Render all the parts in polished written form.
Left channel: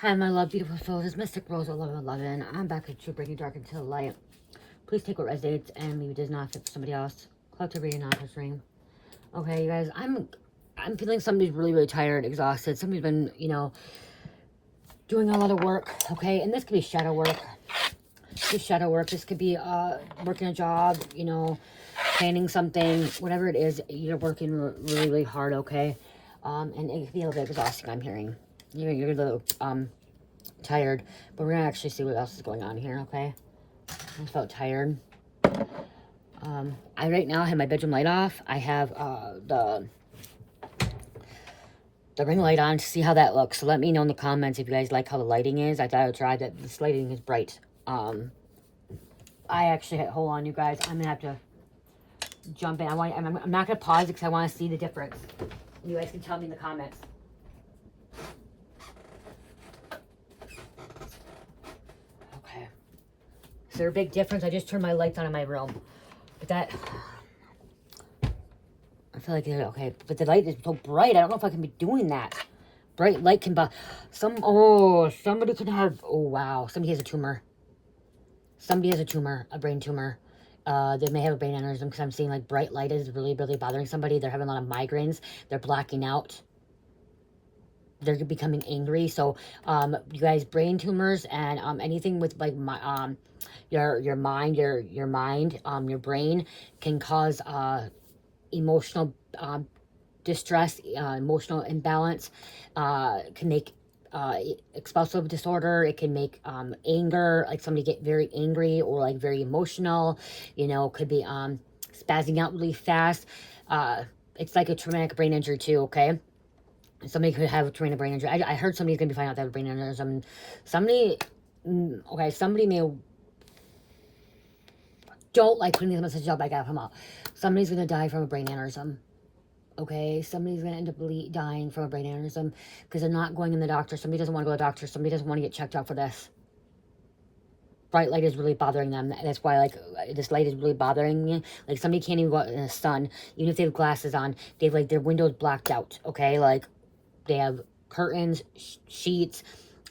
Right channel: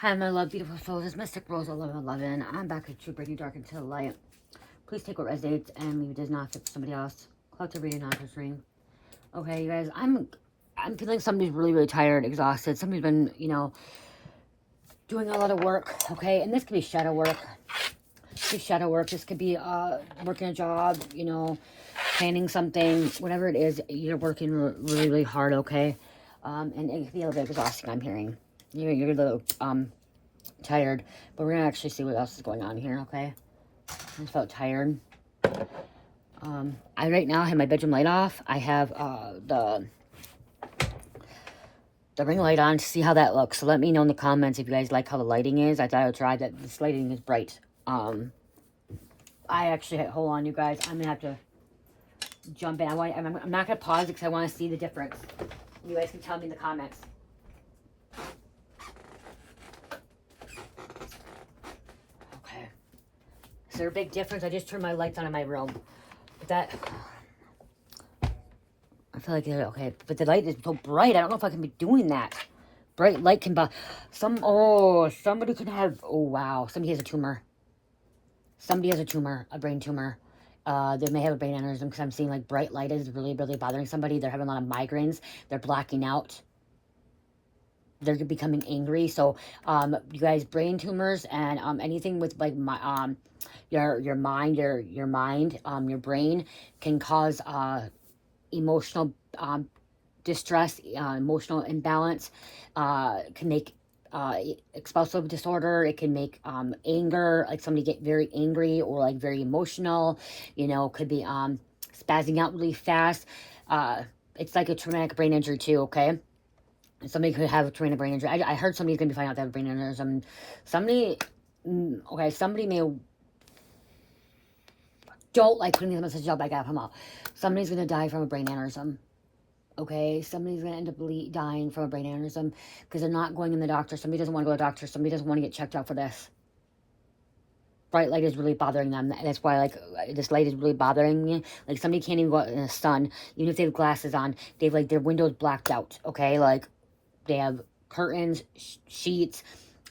Hi, my love, beautiful souls. It's Mystic Rose 1111. I'm back with True Breaking Dark into the Light. Please take what resonates and leave it does not fit for somebody else. Collective reading, not just ring. Okay, you guys, I'm feeling somebody's really tired, exhausted. Somebody's been, doing a lot of work. Okay, and this could be shadow work. This could be working a job. Planning something, whatever it is. You're working really hard. Okay, and it could be a little bit exhausting. I'm hearing. You're a little tired, but we're gonna actually see what else is going on here. Okay, I felt tired. I right now have my bedroom light off. I have the ring light on to see how that looks. So let me know in the comments if you guys like how the lighting is. I thought I would try that. This lighting is bright. I actually hold on, you guys. I'm gonna have to jump in. I'm not gonna pause because I want to see the difference. You guys can tell me in the comments. Is there a big difference? I just turned my lights on in my room. But that... I feel like, okay. But the light is so bright. I don't know if I can be doing that. Bright light can be... somebody can have... Oh, wow. Somebody has a tumor. Somebody has a tumor. A brain tumor. They may have a brain aneurysm because I'm seeing like bright light is really bothering somebody. They're having a lot of migraines. They're blacking out. They're becoming angry. So, you guys, brain tumors and anything with like my your mind, your brain can cause emotional distress, emotional imbalance. Can make explosive disorder. It can make anger, like somebody get very angry or like very emotional. Could be spazzing out really fast. It's like a traumatic brain injury too. Okay. Somebody could have a traumatic brain injury. I heard somebody's going to be finding out they have a brain aneurysm. Somebody may... Don't like putting this message up. I got him out. Somebody's going to die from a brain aneurysm. Okay? Somebody's going to end up dying from a brain aneurysm because they're not going in the doctor. Somebody doesn't want to go to the doctor. Somebody doesn't want to get checked out for this. Bright light is really bothering them. That's why, like, this light is really bothering me. Like, somebody can't even go out in the sun. Even if they have glasses on, they have, like, their windows blacked out. Okay? Like, they have curtains, sheets,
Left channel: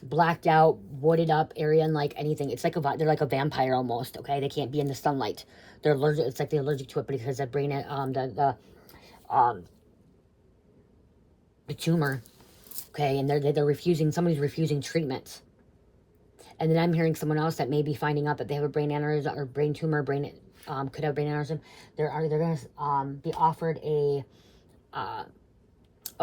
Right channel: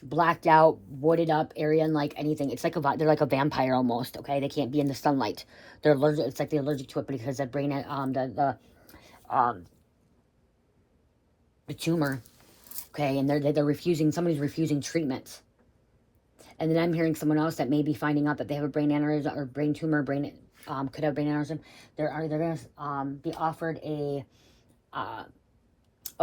blacked out, wooded up area, and like anything. It's like they're like a vampire almost. Okay, they can't be in the sunlight. They're allergic. It's like they're allergic to it because the brain, the tumor. Okay, and they're refusing. Somebody's refusing treatment. And then I'm hearing someone else that may be finding out that they have a brain aneurysm or brain tumor. Could have a brain aneurysm. They're gonna be offered a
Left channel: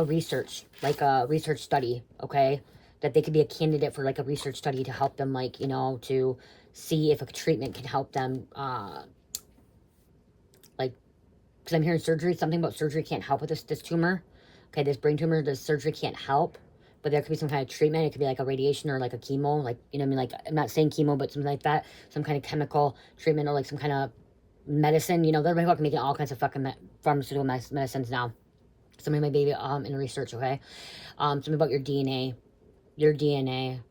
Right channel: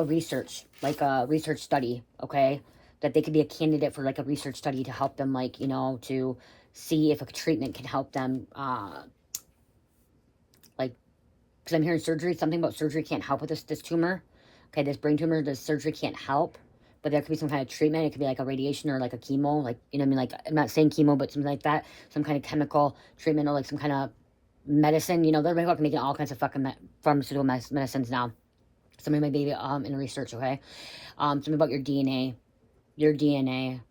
research, like a research study, okay? That they could be a candidate for like a research study to help them, like, to see if a treatment can help them, like, because I'm hearing surgery, something about surgery can't help with this tumor. Okay, this brain tumor, the surgery can't help, but there could be some kind of treatment. It could be like a radiation or like a chemo, like, like, I'm not saying chemo, but something like that, some kind of chemical treatment or like some kind of medicine, they're fucking making all kinds of fucking pharmaceutical medicines now. Somebody might be in research, okay? Something about your DNA. Your DNA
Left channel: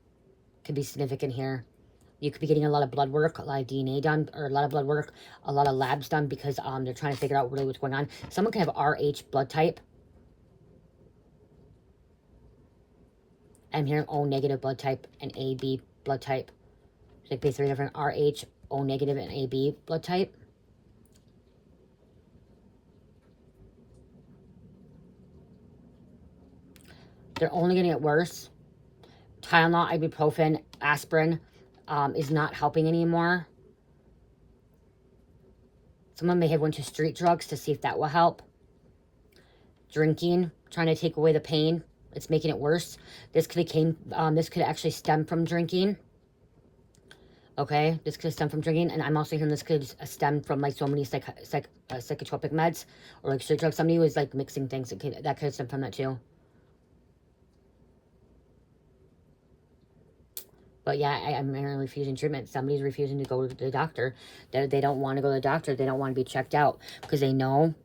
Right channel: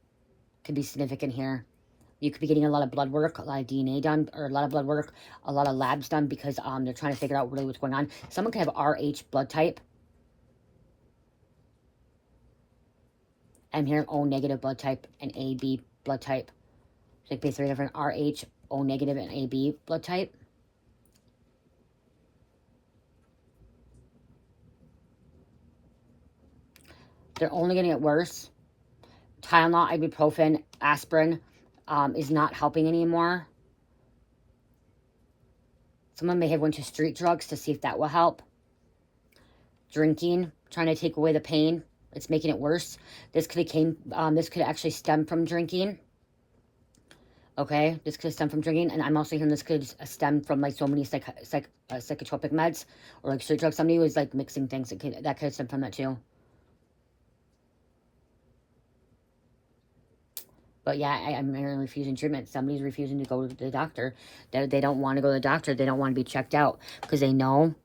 could be significant here. You could be getting a lot of blood work, a lot of DNA done, or a lot of blood work, a lot of labs done because they're trying to figure out really what's going on. Someone could have RH blood type. I'm hearing O negative blood type and AB blood type. So basically different RH, O negative, and AB blood type. They're only going to get worse. Tylenol, ibuprofen, aspirin is not helping anymore. Someone may have went to street drugs to see if that will help. Drinking, trying to take away the pain. It's making it worse. This could actually stem from drinking. Okay, this could stem from drinking, and I'm also hearing this could stem from like so many psychotropic meds or like street drugs. Somebody was like mixing things. That could stem from that too. But yeah, I'm refusing treatment. Somebody's refusing to go to the doctor. They don't want to go to the doctor. They don't want to be checked out because they know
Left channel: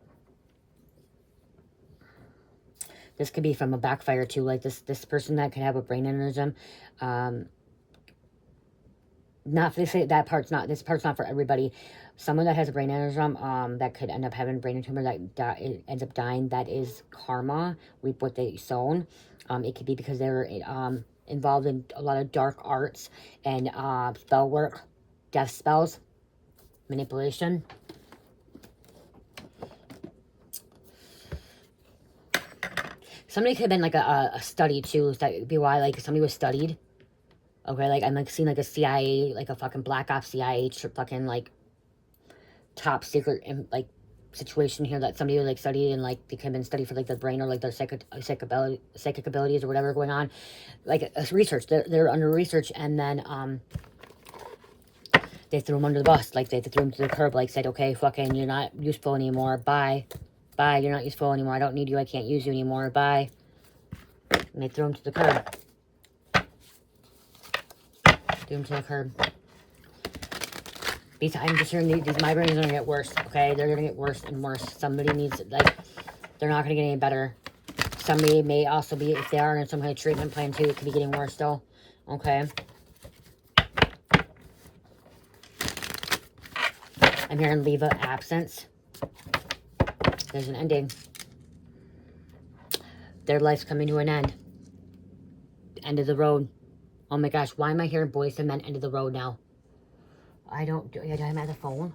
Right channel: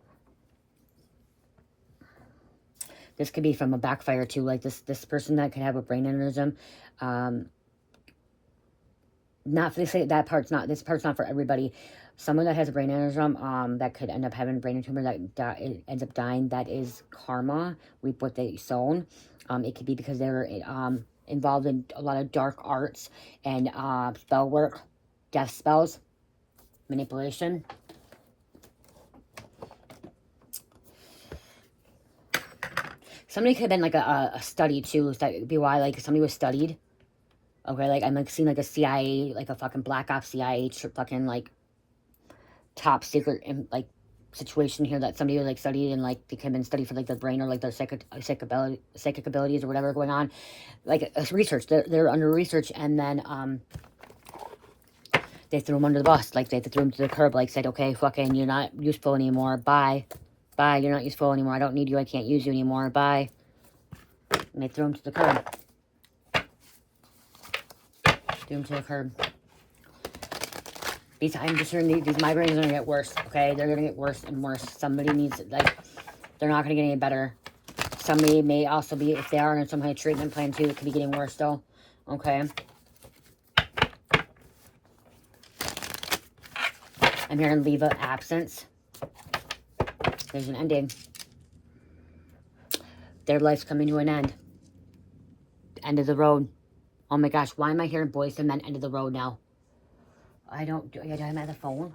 this could be from a backfire too. Like this person that could have a brain aneurysm. Not for that part's not. This part's not for everybody. Someone that has a brain aneurysm, that could end up having a brain tumor that ends up dying. That is karma. Reap what they sown. It could be because they're involved in a lot of dark arts and spell work, death spells, manipulation. Somebody could have been like a study too. So that would be why like somebody was studied. Okay, like I'm like seeing like a CIA, like a fucking black ops CIA fucking like top secret like situation here that somebody was like studied and like they came and studied for like their brain or like their psychic abilities or whatever going on, like research. They're under research, and then they threw them under the bus, like they threw them to the curb, like said, okay, fucking, you're not useful anymore, bye, you're not useful anymore, I don't need you, I can't use you anymore, bye, and they threw them to the curb. I'm just hearing these migraines are gonna get worse, okay? They're gonna get worse and worse. Somebody needs, like, they're not gonna get any better. Somebody may also be, if they are in some kind of treatment plan too, it could be getting worse still, okay? I'm hearing leave of absence. There's an ending. Their life's coming to an end. End of the road. Oh my gosh, why am I hearing boys and men end of the road now? I'm at the phone.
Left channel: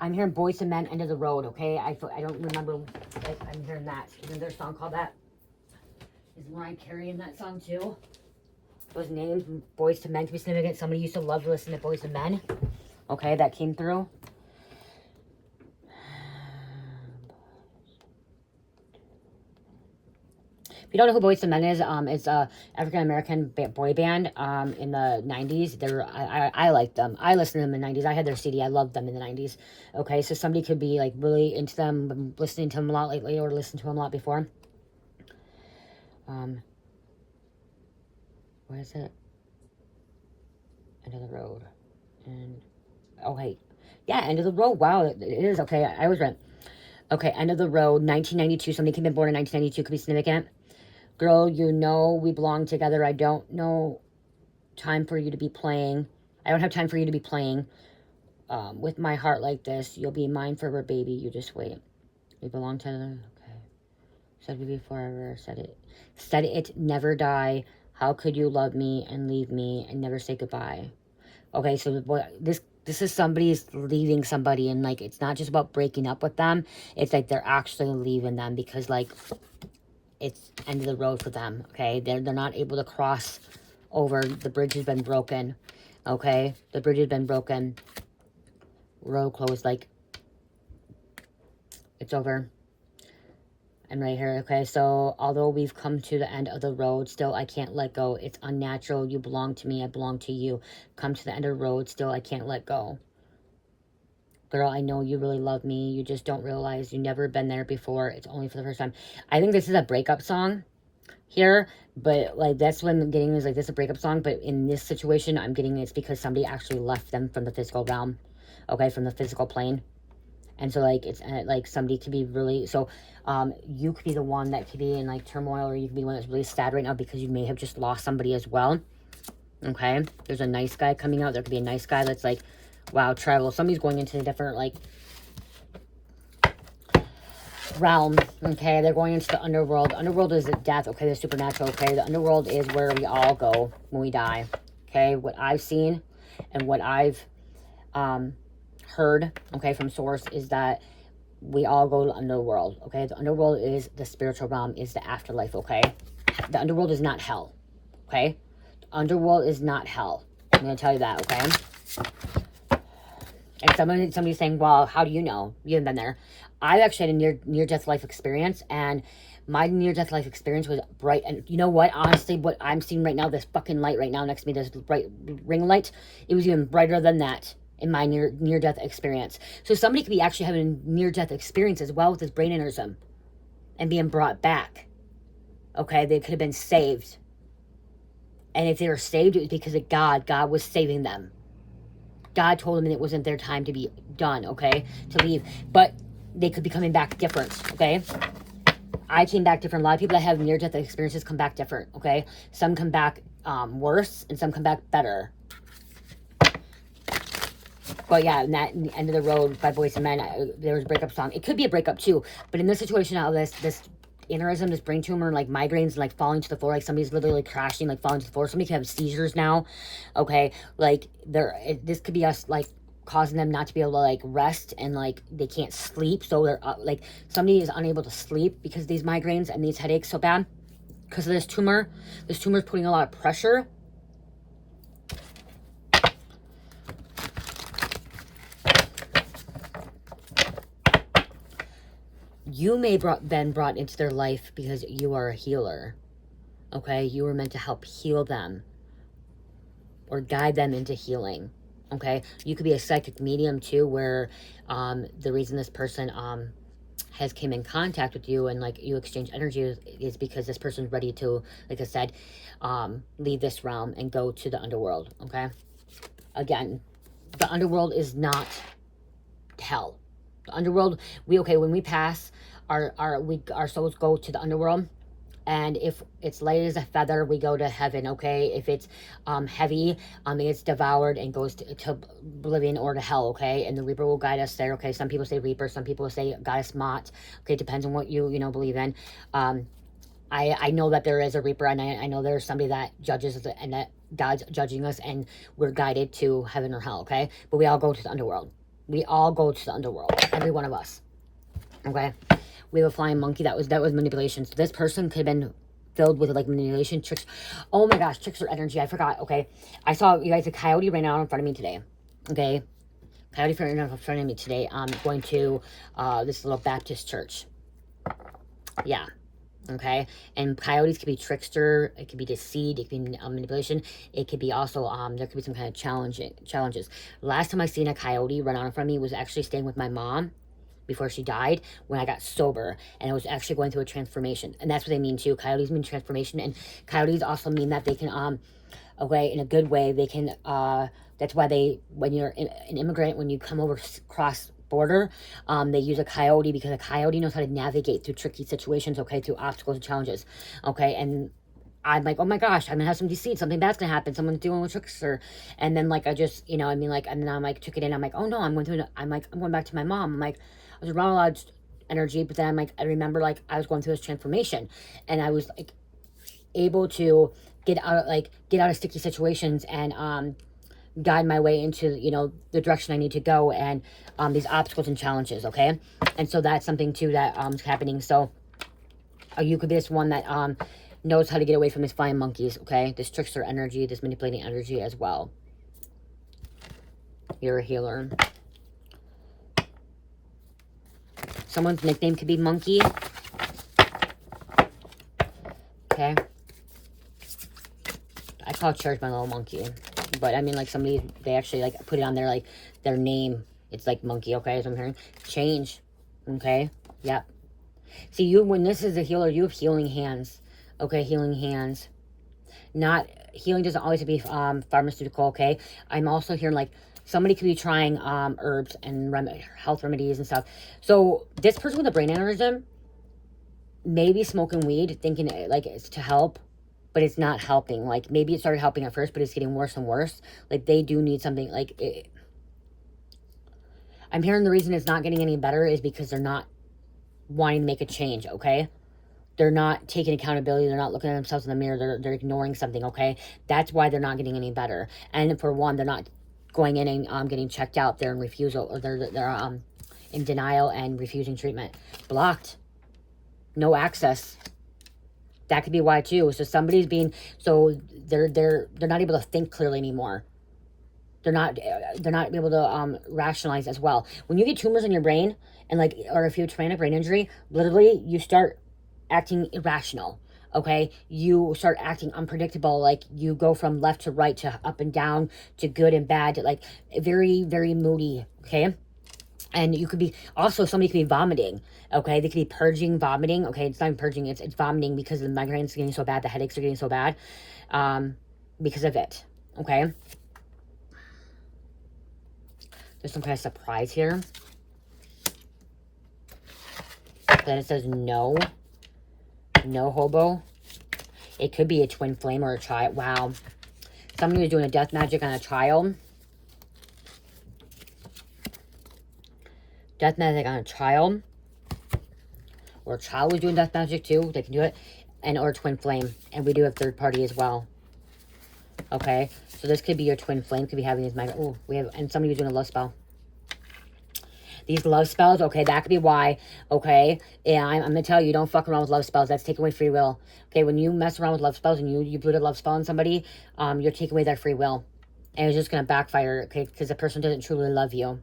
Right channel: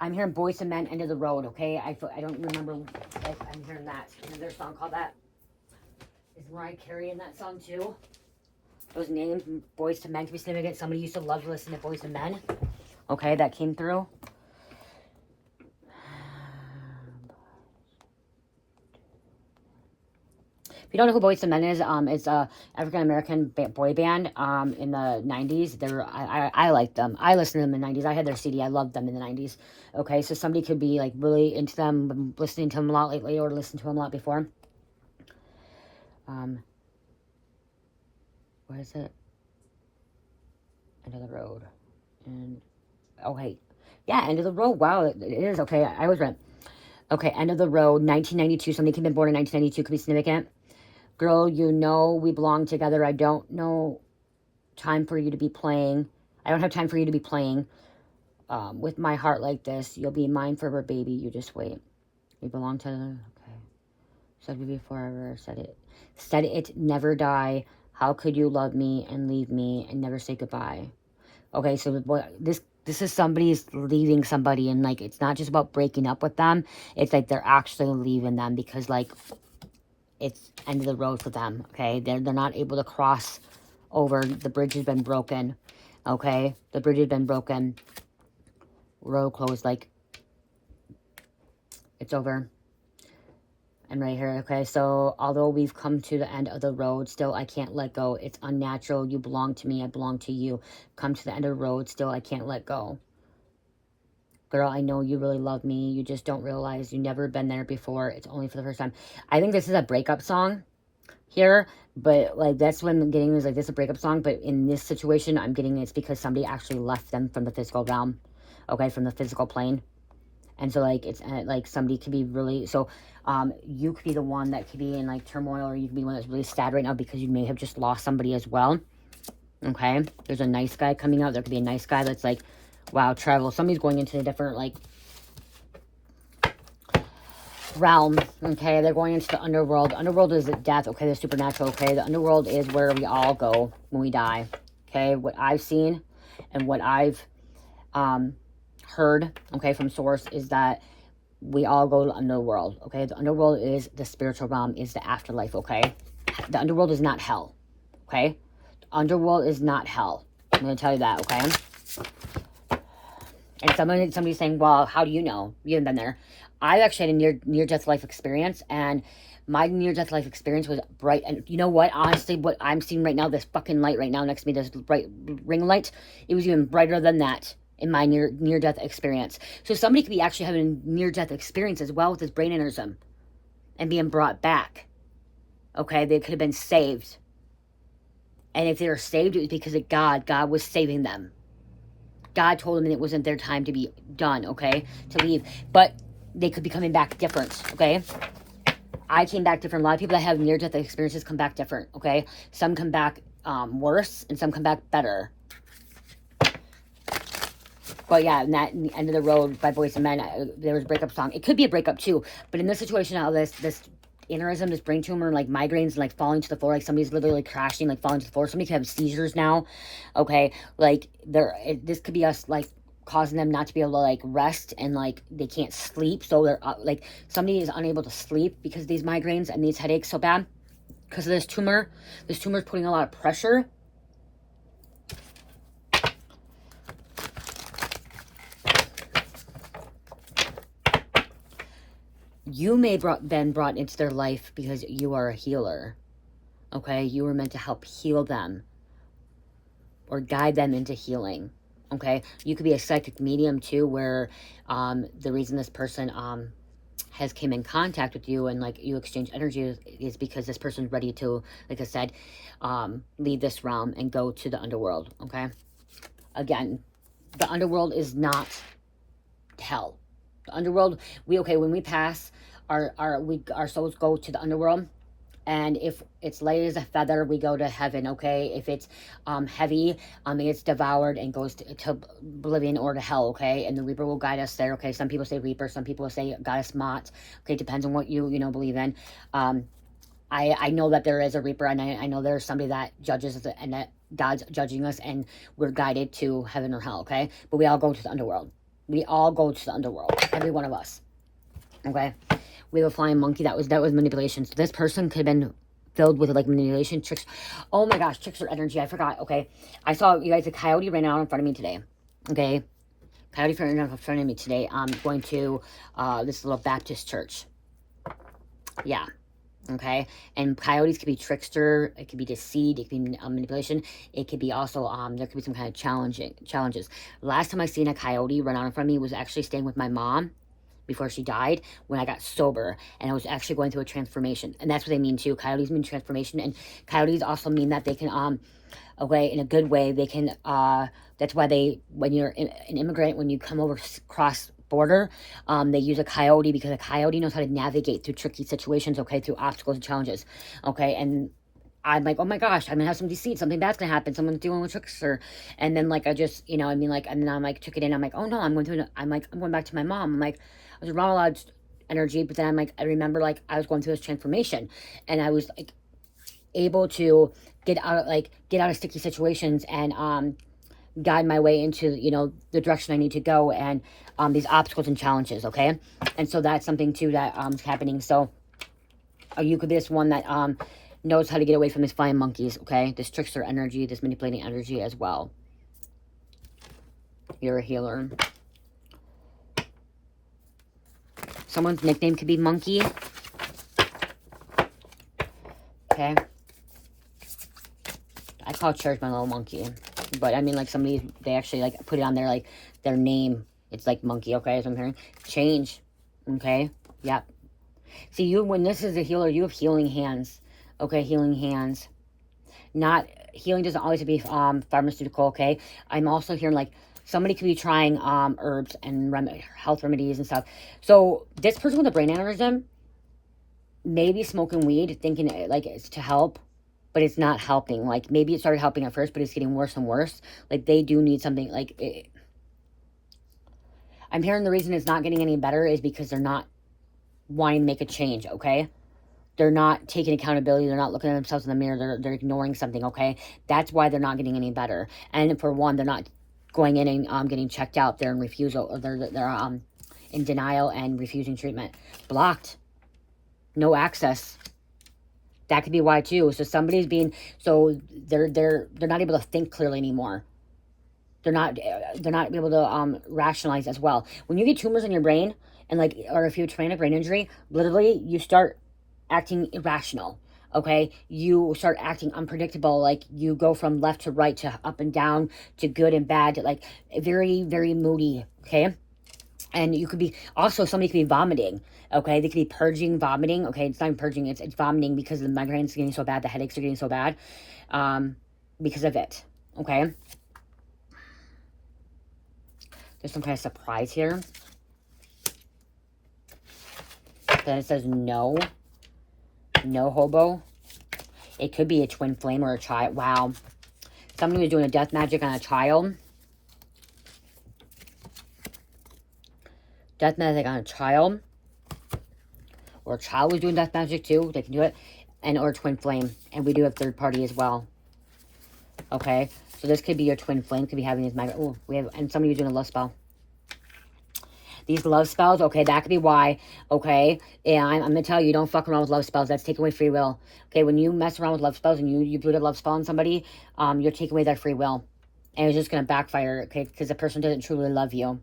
I'm hearing boys and men end of the road, okay? I don't remember, I'm hearing that. Isn't there a song called that? Is Mariah Carey in that song too? Those names, boys to men, to be significant. Somebody used to love to listen to boys and men. Okay, that came through. If you don't know who Boyz II Men is, it's a African-American boy band in the 90s. I like them. I listened to them in the 90s. I had their CD. I loved them in the 90s. Okay, so somebody could be like really into them, listening to them a lot lately or listened to them a lot before. What is it? End of the road. And, oh, wait. Yeah, end of the road. Wow, it is. Okay, I was right. Okay, end of the road, 1992. Somebody could have been born in 1992. Could be significant. Girl, you know we belong together. I don't know time for you to be playing. I don't have time for you to be playing with my heart like this. You'll be mine forever, baby. You just wait. We belong together. Okay. Said you forever. Said it, never die. How could you love me and leave me and never say goodbye? Okay, so this is somebody's leaving somebody, and like it's not just about breaking up with them. It's like they're actually leaving them because like it's end of the road for them. Okay, they're not able to cross over. The bridge has been broken. Okay, the bridge has been broken. Road closed. Like it's over. And right here, okay, so although we've come to the end of the road, still I can't let go. It's unnatural. You belong to me. I belong to you. Come to the end of the road, still I can't let go. Girl, I know you really love me. You just don't realize you've never been there before. It's only for the first time. I think this is a breakup song here, but like that's what I'm getting is like this is a breakup song, but in this situation, I'm getting it's because somebody actually left them from the physical realm, okay, from the physical plane. And so like it's like somebody could be really, so you could be the one that could be in like turmoil, or you could be the one that's really sad right now because you may have just lost somebody as well. Okay, there's a nice guy coming out. There could be a nice guy that's like, wow, travel. Somebody's going into a different like realm. Okay, they're going into the underworld. The underworld is death. Okay, the supernatural. Okay, the underworld is where we all go when we die. Okay, what I've seen and what I've heard, okay, from source is that we all go to the underworld. Okay, the underworld is the spiritual realm, is the afterlife. Okay, the underworld is not hell. Okay, the underworld is not hell. I'm gonna tell you that. Okay. And somebody's saying, well, how do you know? You haven't been there. I actually had a near-death life experience, and my near-death life experience was bright. And you know what? Honestly, what I'm seeing right now, this fucking light right now next to me, this bright ring light, it was even brighter than that in my near-death experience. So somebody could be actually having a near-death experience as well with this brain aneurysm and being brought back. Okay? They could have been saved. And if they were saved, it was because of God. God was saving them. God told them it wasn't their time to be done, okay? To leave. But they could be coming back different, okay? I came back different. A lot of people that have near-death experiences come back different, okay? Some come back worse, and some come back better. But yeah, in that End of the Road by Boyz II Men, there was a breakup song. It could be a breakup too, but in this situation, how this aneurysm, this brain tumor, like migraines, and like falling to the floor, like somebody's literally crashing, like falling to the floor. Somebody could have seizures now, okay? Like this could be us like causing them not to be able to like rest, and like they can't sleep, so they're like somebody is unable to sleep because of these migraines and these headaches so bad because of this tumor. This tumor is putting a lot of pressure. You may been brought into their life because you are a healer, okay? You were meant to help heal them or guide them into healing, okay? You could be a psychic medium too, where the reason this person has came in contact with you and like you exchange energy is because this person's ready to, like I said, leave this realm and go to the underworld, okay? Again, the underworld is not hell. The underworld, when we pass, our souls go to the underworld, and if it's light as a feather, we go to heaven, okay? If it's heavy, it gets devoured and goes to oblivion or to hell, okay? And the Reaper will guide us there, okay? Some people say Reaper, some people say Goddess Mott, okay? Depends on what you believe in. I know that there is a Reaper, and I know there's somebody that judges and that God's judging us, and we're guided to heaven or hell, okay? But we all go to the underworld. We all go to the underworld, every one of us, okay? We have a flying monkey. That was manipulation. So this person could have been filled with like manipulation, tricks. Oh my gosh, trickster energy. I forgot, okay? I saw you guys a coyote right now in front of me today, okay? Coyote right now in front of me today. I'm going to this little Baptist church. Yeah. Okay, and coyotes could be trickster, it could be deceit, it could be manipulation, it could be also there could be some kind of challenges. Last time I seen a coyote run out in front of me was actually staying with my mom before she died, when I got sober, and I was actually going through a transformation. And that's what they mean too. Coyotes mean transformation, and coyotes also mean that they can okay, in a good way, they can that's why when you're an immigrant, when you come over cross border, they use a coyote, because a coyote knows how to navigate through tricky situations, okay, through obstacles and challenges, okay? And I'm like, oh my gosh, I'm gonna have some deceit, something bad's gonna happen, someone's dealing with trickster. And then like I just, and then I'm like, took it in, I'm like, oh no, I'm going back to my mom. I'm like, I was around a lot of energy, but then I'm like, I remember like I was going through this transformation, and I was like able to get out of sticky situations and guide my way into the direction I need to go, and these obstacles and challenges, okay? And so that's something too that is happening. So you could be this one that knows how to get away from these flying monkeys, okay? This trickster energy, this manipulating energy as well. You're a healer. Someone's nickname could be Monkey. Okay. I call Church my little monkey. But I mean, like, somebody, they actually like put it on their their name. It's like Monkey, okay, as I'm hearing. Change. Okay. Yep. See, when this is a healer, you have healing hands. Okay, healing hands. Not, healing doesn't always have to be pharmaceutical, okay? I'm also hearing like somebody could be trying herbs and health remedies and stuff. So this person with a brain aneurysm may be smoking weed, thinking like it's to help, but it's not helping. Like maybe it started helping at first, but it's getting worse and worse. Like they do need something. I'm hearing the reason it's not getting any better is because they're not wanting to make a change, okay? They're not taking accountability. They're not looking at themselves in the mirror. They're ignoring something, okay? That's why they're not getting any better. And for one, they're not going in and getting checked out. They're in refusal, or they're in denial and refusing treatment. Blocked. No access. That could be why too. So somebody's being, so they're not able to think clearly anymore. They're not able to rationalize as well. When you get tumors in your brain, and or if you have traumatic brain injury, literally you start acting irrational. Okay, you start acting unpredictable. Like you go from left to right to up and down to good and bad to like very, very moody. Okay, and you could be also, somebody could be vomiting. Okay, they could be purging, vomiting. Okay, it's not purging, it's vomiting because the migraines are getting so bad, the headaches are getting so bad because of it. Okay, there's some kind of surprise here. Then it says no hobo. It could be a twin flame or a child. Wow. Somebody was doing a death magic on a child. Death magic on a child. or a child who's doing death magic too, they can do it, and or twin flame. And we do have third party as well. Okay, so this could be your twin flame, could be having these migraines. Oh, we have, and somebody who's doing a love spell. These love spells, okay, that could be why, okay? And I'm going to tell you, don't fuck around with love spells. That's taking away free will. Okay, when you mess around with love spells and you put a love spell on somebody, you're taking away their free will. And it's just going to backfire, okay, because the person doesn't truly love you.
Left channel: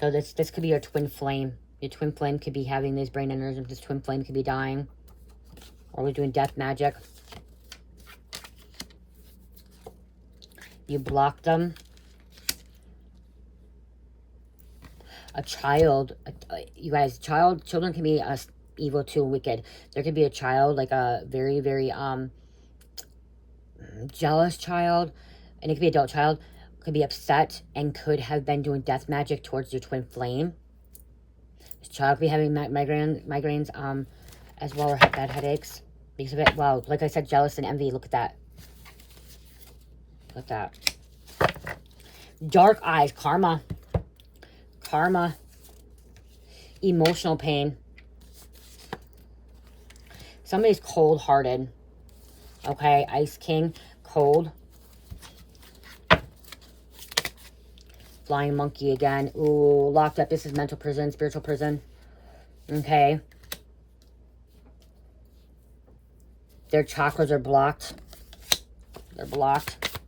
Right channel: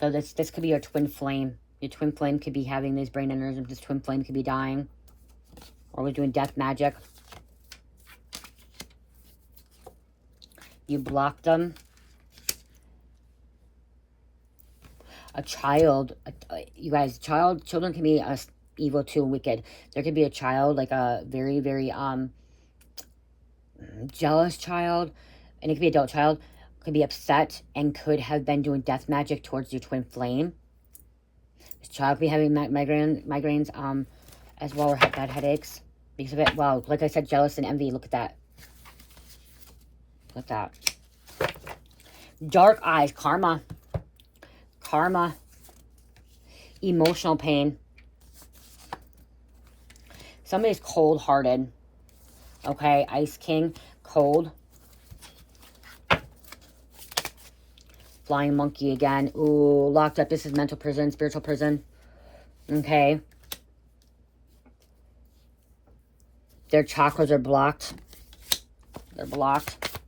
So this could be your twin flame. Your twin flame could be having these brain aneurysms. This twin flame could be dying. Or we're doing death magic. You block them. A child, you guys, children can be evil too, wicked. There could be a child, like a very, very jealous child, and it could be an adult child, could be upset and could have been doing death magic towards your twin flame. This child could be having migraines as well, or bad headaches because of it. Wow, like I said, jealous and envy. Look at that. Look at that. Dark eyes, karma. Karma, emotional pain. Somebody's cold-hearted. Okay, Ice King, cold. Flying monkey again. Ooh, locked up. This is mental prison, spiritual prison. Okay. Their chakras are blocked. They're blocked.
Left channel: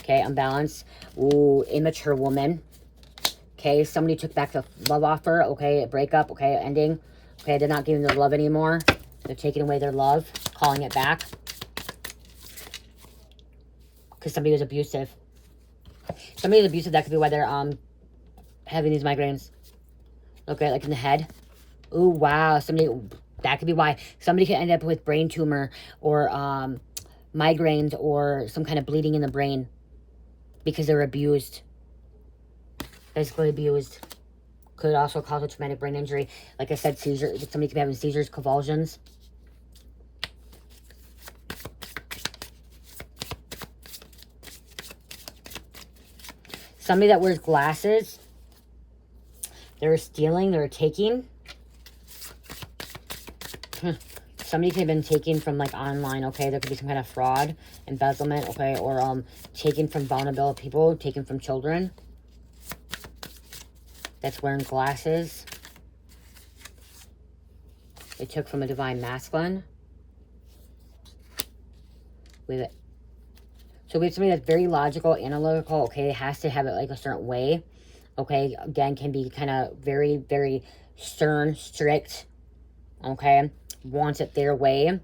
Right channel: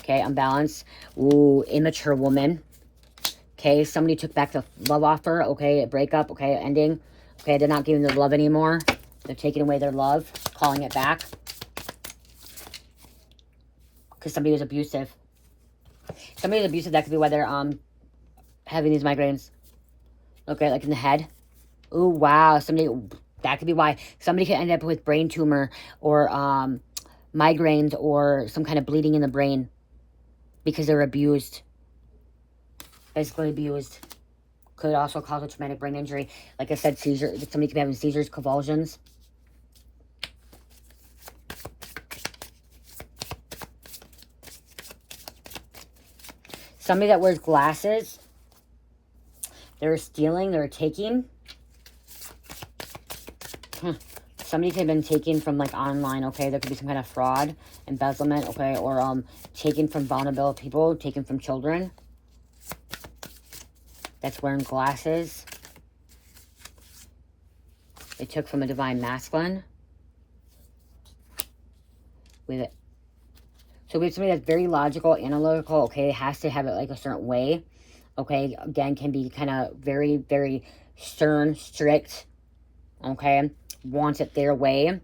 Okay, unbalanced. Ooh, immature woman. Okay, somebody took back the love offer. Okay, a breakup. Okay, ending. Okay, they're not giving the love anymore. They're taking away their love, calling it back. Because somebody was abusive. Somebody was abusive. That could be why they're having these migraines. Okay, like in the head. Ooh, wow. That could be why. Somebody could end up with brain tumor or migraines or some kind of bleeding in the brain because they're abused. Basically abused. Could also cause a traumatic brain injury. Like I said, seizure. Somebody could be having seizures, convulsions. Somebody that wears glasses. They're stealing. They're taking. Somebody could have been taken from like online. Okay, there could be some kind of fraud, embezzlement. Okay, or taken from vulnerable people, taken from children. That's wearing glasses. They took from a divine masculine. So we have somebody that's very logical, analytical. Okay, it has to have it like a certain way. Okay, again, can be kind of very, very stern, strict. Okay, wants it their way.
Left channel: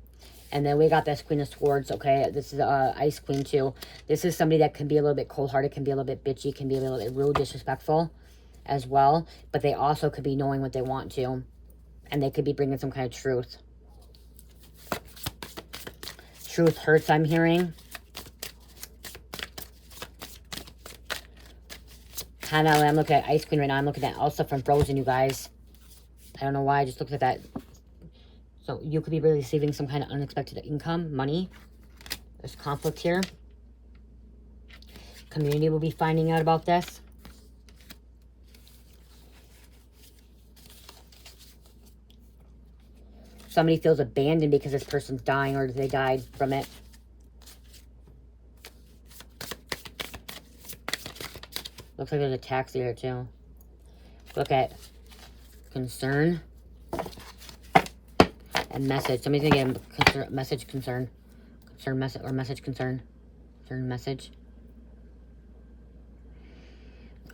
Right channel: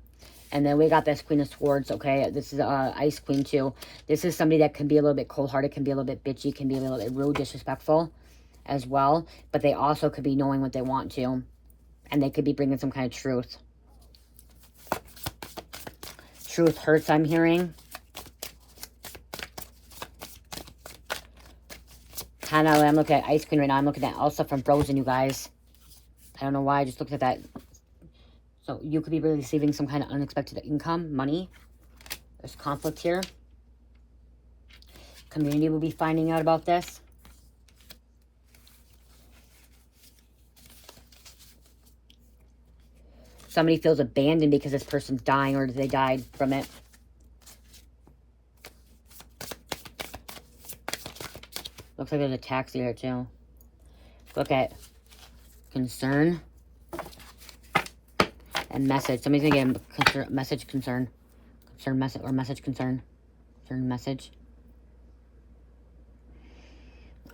And then we got this Queen of Swords. Okay, this is Ice Queen too. This is somebody that can be a little bit cold-hearted, can be a little bit bitchy, can be a little bit rude, disrespectful as well, but they also could be knowing what they want to, and they could be bringing some kind of truth. Truth hurts, I'm hearing. Kind of, I'm looking at Ice Queen right now. I'm looking at Elsa from Frozen, you guys. I don't know why, I just looked at that. So you could be really receiving some kind of unexpected income, money. There's conflict here. Community will be finding out about this. Somebody feels abandoned because this person's dying or they died from it. Looks like there's a taxi here too. Look at concern and message. Somebody's gonna get a message concern. Concern message or message concern. Concern message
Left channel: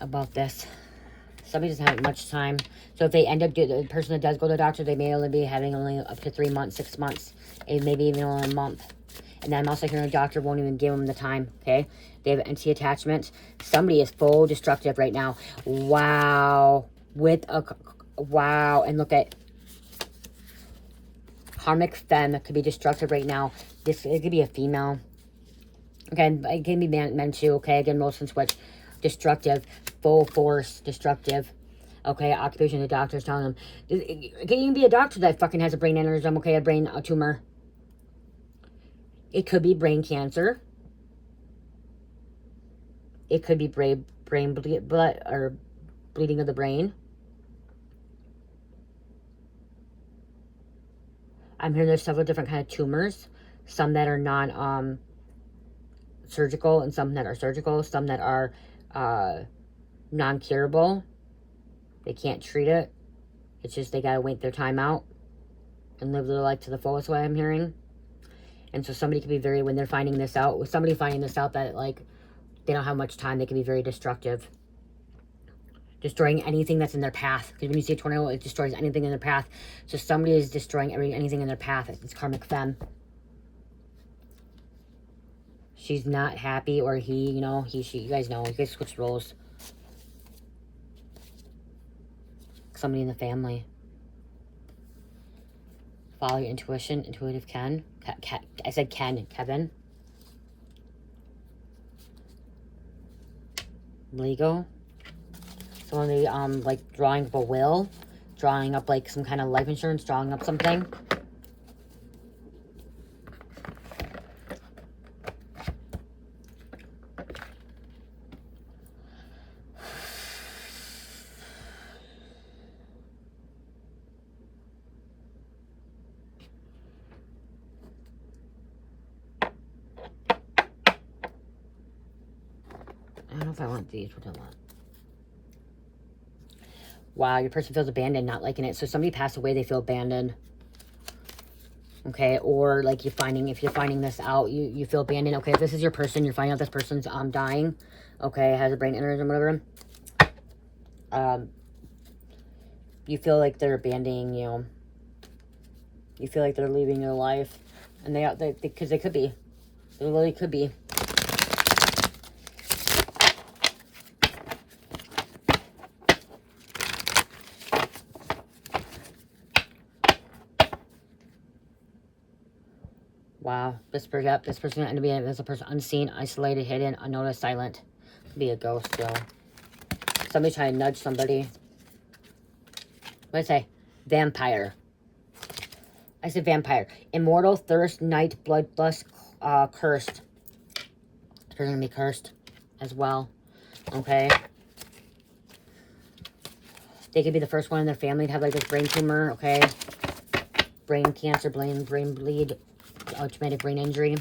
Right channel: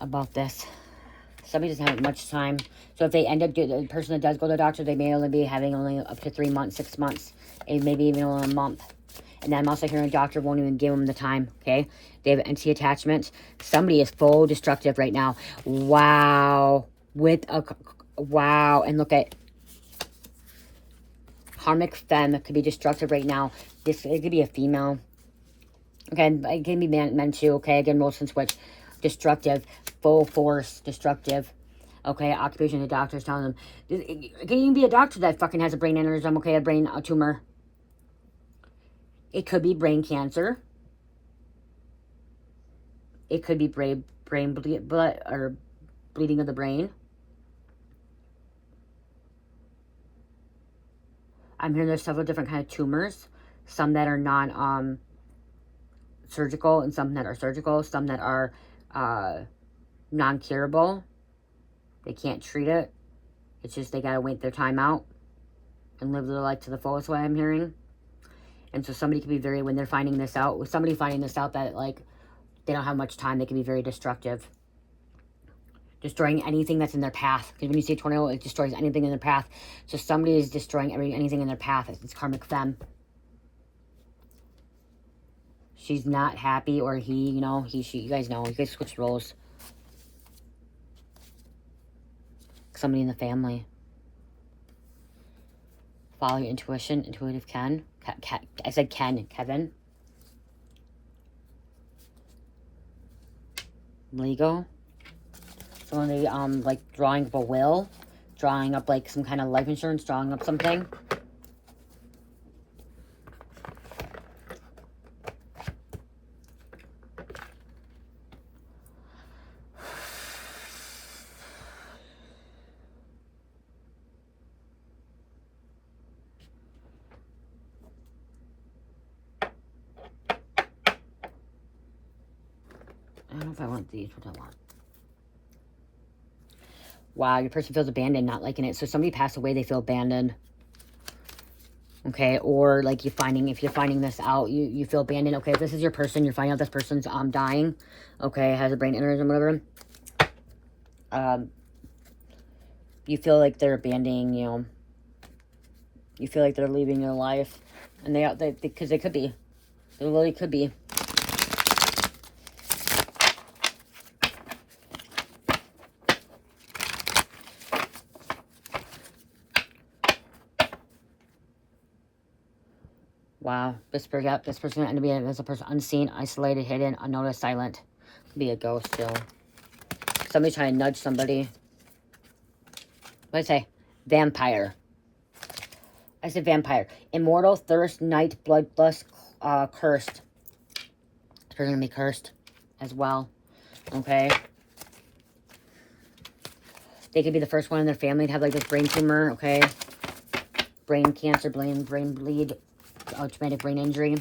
about this. Somebody doesn't have much time. So if they end up, the person that does go to the doctor, they may only be having only up to 3 months, 6 months, and maybe even only a month. And then I'm also hearing a doctor won't even give them the time, okay? They have anti attachment. Somebody is full destructive right now. Wow. Wow. And look at karmic femme could be destructive right now. It could be a female. Again, it can be men too, okay? Again, roles and switch. Destructive. Full force. Destructive. Okay, occupation, the doctor's telling them. It can even be a doctor that fucking has a brain aneurysm, okay? A tumor. It could be brain cancer. It could be blood or bleeding of the brain. I'm hearing there's several different kind of tumors. Some that are surgical, and some that are surgical. Some that are non-curable. They can't treat it. It's just they gotta wait their time out and live their life to the fullest, what I'm hearing. And so somebody can be very, when they're finding this out, with somebody finding this out that, like, they don't have much time, they can be very destructive. Destroying anything that's in their path. Because when you see a tornado, it destroys anything in their path. So somebody is destroying anything in their path. It's karmic femme. She's not happy, or he, you know, he, she, you guys know, you guys switch roles. Somebody in the family. Follow your intuition. Intuitive Ken. I said Ken. Kevin. Legal. Somebody, like, drawing up a will. Drawing up, like, some kind of life insurance. Drawing up something. I don't know if I want these. What do I want? Wow, your person feels abandoned, not liking it. So somebody passed away, they feel abandoned. Okay, or like if you're finding this out, you feel abandoned. Okay, if this is your person, you're finding out this person's dying. Okay, has a brain aneurysm, whatever. You feel like they're abandoning you. You feel like they're leaving your life, and because they could be. They really could be. Wow, this person end up being as a person unseen, isolated, hidden, unnoticed, silent. Be a ghost, though. Somebody's trying to nudge somebody. What did I say? Vampire. I said vampire. Immortal, thirst, night, bloodlust, cursed. This person's gonna be cursed as well. Okay. They could be the first one in their family to have like this brain tumor. Okay. Brain cancer, brain bleed. Traumatic brain injury.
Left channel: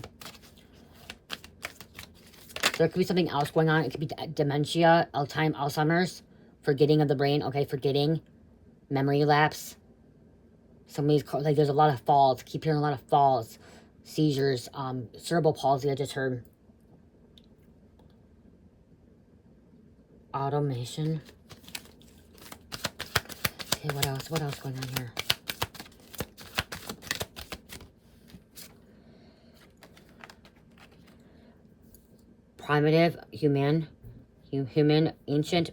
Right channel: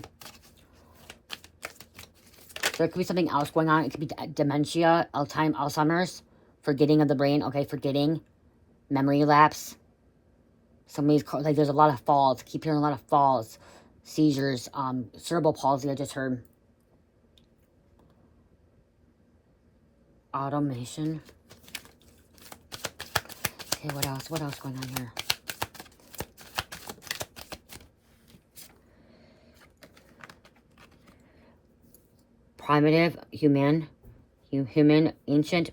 There could be something else going on. It could be dementia, Alzheimer's, forgetting of the brain. Okay, forgetting, memory lapse. Somebody's like, there's a lot of falls. Keep hearing a lot of falls, seizures, cerebral palsy. I just heard. Automation. Okay, what else? What else going on here? Primitive, human, ancient,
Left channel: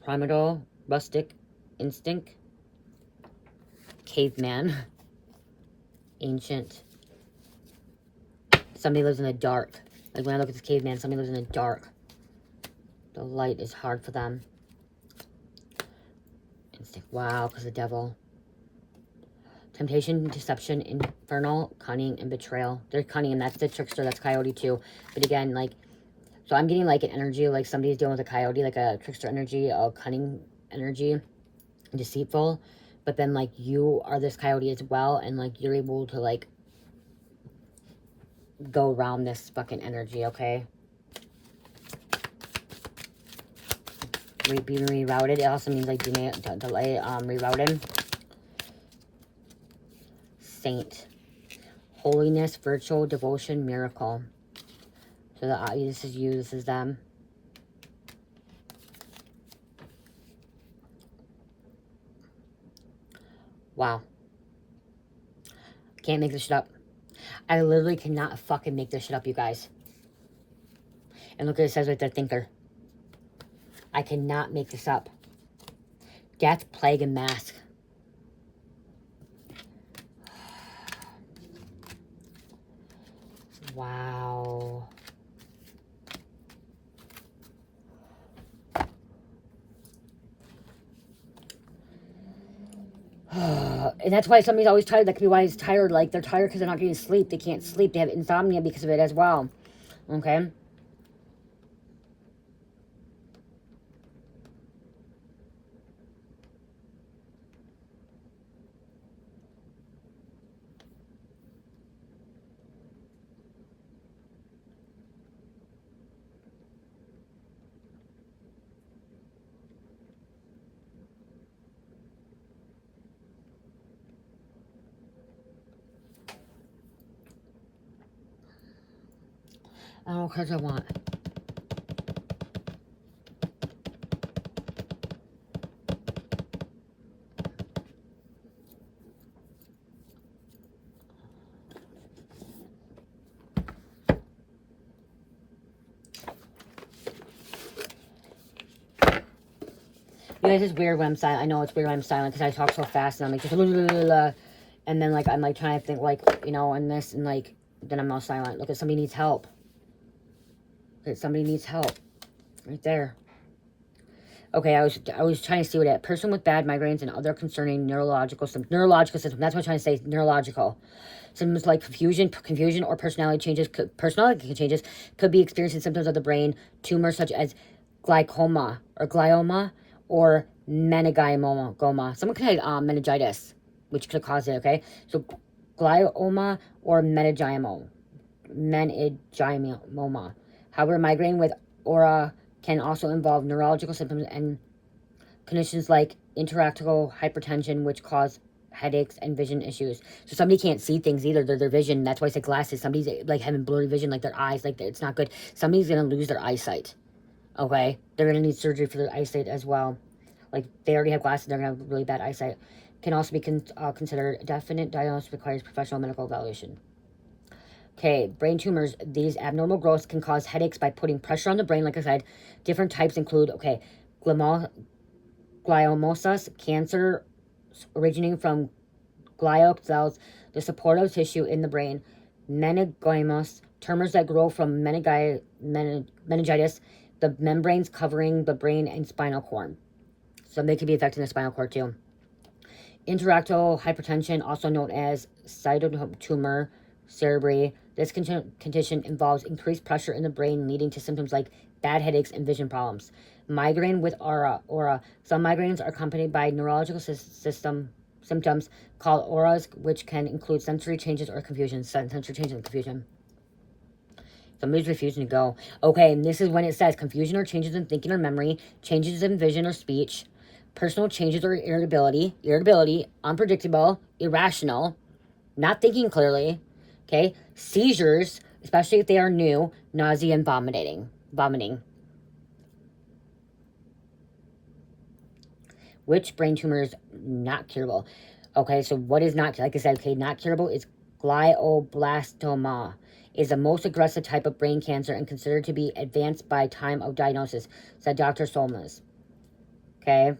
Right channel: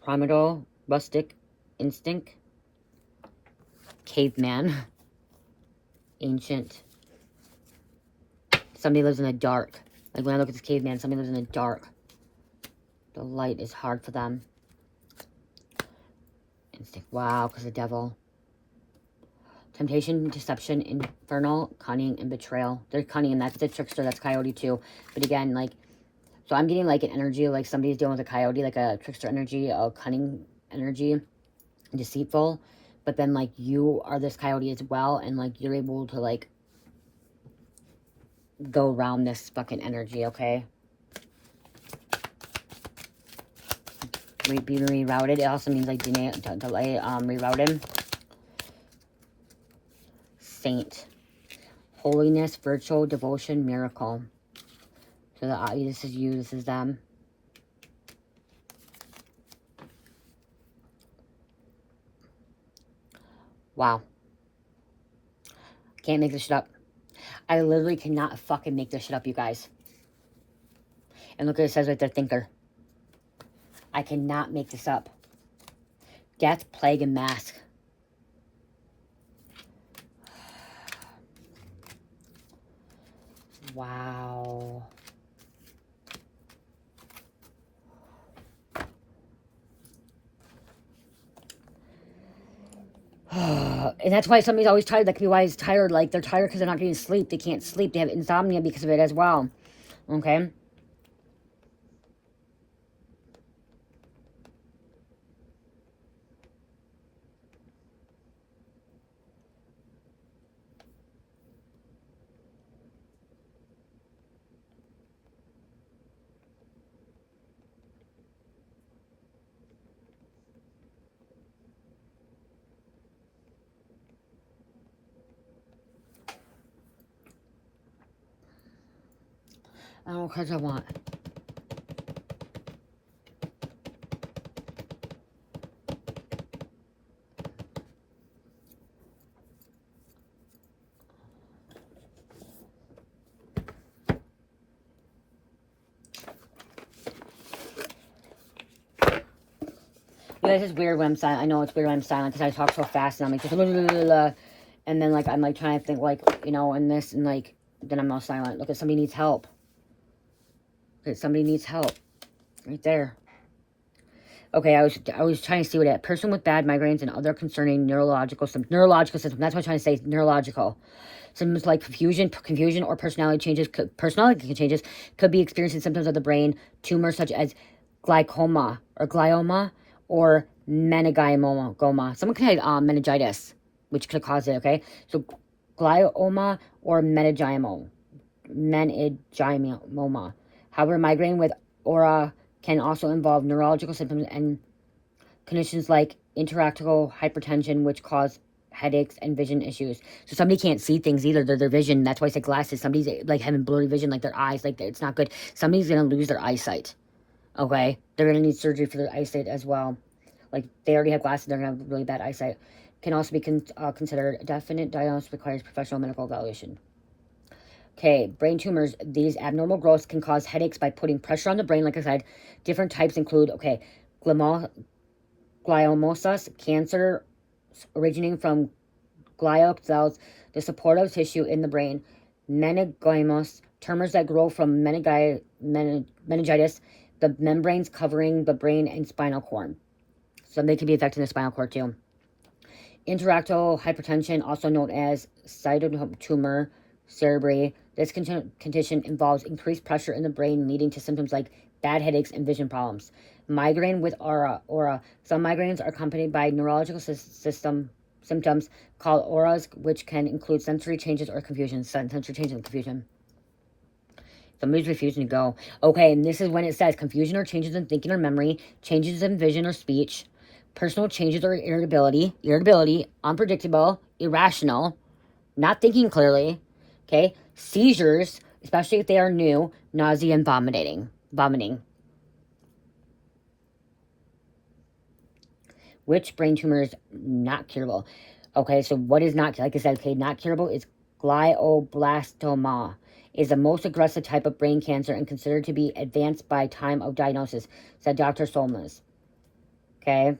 primeval, rustic, instinct, caveman, ancient. Somebody lives in the dark. Like when I look at this caveman, somebody lives in the dark. The light is hard for them. Instinct, wow, because the devil. Temptation, deception, infernal, cunning, and betrayal. They're cunning, and that's the trickster. That's coyote too. But again, like, so I'm getting like an energy, like somebody's dealing with a coyote, like a trickster energy, a cunning energy, deceitful. But then like you are this coyote as well, and like you're able to like go around this fucking energy, okay? Be rerouted. It also means like delay, rerouted. Saint, holiness, virtual, devotion, miracle. So this is you, this is them. Wow. Can't make this shit up. I literally cannot fucking make this shit up, you guys. And look what it says right there, thinker. I cannot make this up. Death, plague, and mask. Wow. And that's why somebody's always tired. That could be why he's tired. Like, they're tired because they're not getting sleep. They can't sleep. They have insomnia because of it as well. Okay? I don't know what cards I want. You guys, it's weird when I'm silent. I know it's weird when I'm silent because I talk so fast and I'm like just and then like I'm like trying to think like, you know, and this and like then I'm all silent. Look at somebody needs help. Look at somebody needs help. Right there. Okay, I was trying to see what it person with bad migraines and other concerning neurological symptoms. That's what I'm trying to say. Neurological symptoms like confusion or personality changes could be experiencing symptoms of the brain. Tumors such as glioma or meningioma. Someone could have meningitis, which could cause it. Okay, so glioma or meningioma. However, migraine with aura can also involve neurological symptoms and conditions like intractable hypertension, which cause headaches and vision issues. So somebody can't see things either. Their vision. That's why I say glasses. Somebody's like having blurry vision, like their eyes, like it's not good. Somebody's gonna lose their eyesight. Okay, they're gonna need surgery for their eyesight as well. Like they already have glasses, they're gonna have really bad eyesight. Can also be considered a definite diagnosis, requires professional medical evaluation. Okay, brain tumors. These abnormal growths can cause headaches by putting pressure on the brain. Like I said, different types include, okay, gliomas, cancer originating from glial cells, the supportive tissue in the brain, meningiomas, tumors that grow from meningitis, the membranes covering the brain and spinal cord. So they could be affecting the spinal cord too. Intractable hypertension, also known as tumor cerebri. This condition involves increased pressure in the brain, leading to symptoms like bad headaches and vision problems. Migraine with aura. Some migraines are accompanied by neurological symptoms called auras, which can include sensory changes or confusion. Somebody's refusing to go. Okay, and this is when it says confusion or changes in thinking or memory, changes in vision or speech, personal changes or irritability, unpredictable, irrational, not thinking clearly. Okay, seizures, especially if they are new, nausea and vomiting. Which brain tumor is not curable? Okay, so what is not, like I said, okay, not curable is glioblastoma. Is the most aggressive type of brain cancer and considered to be advanced by time of diagnosis, said Dr. Solmas. Okay,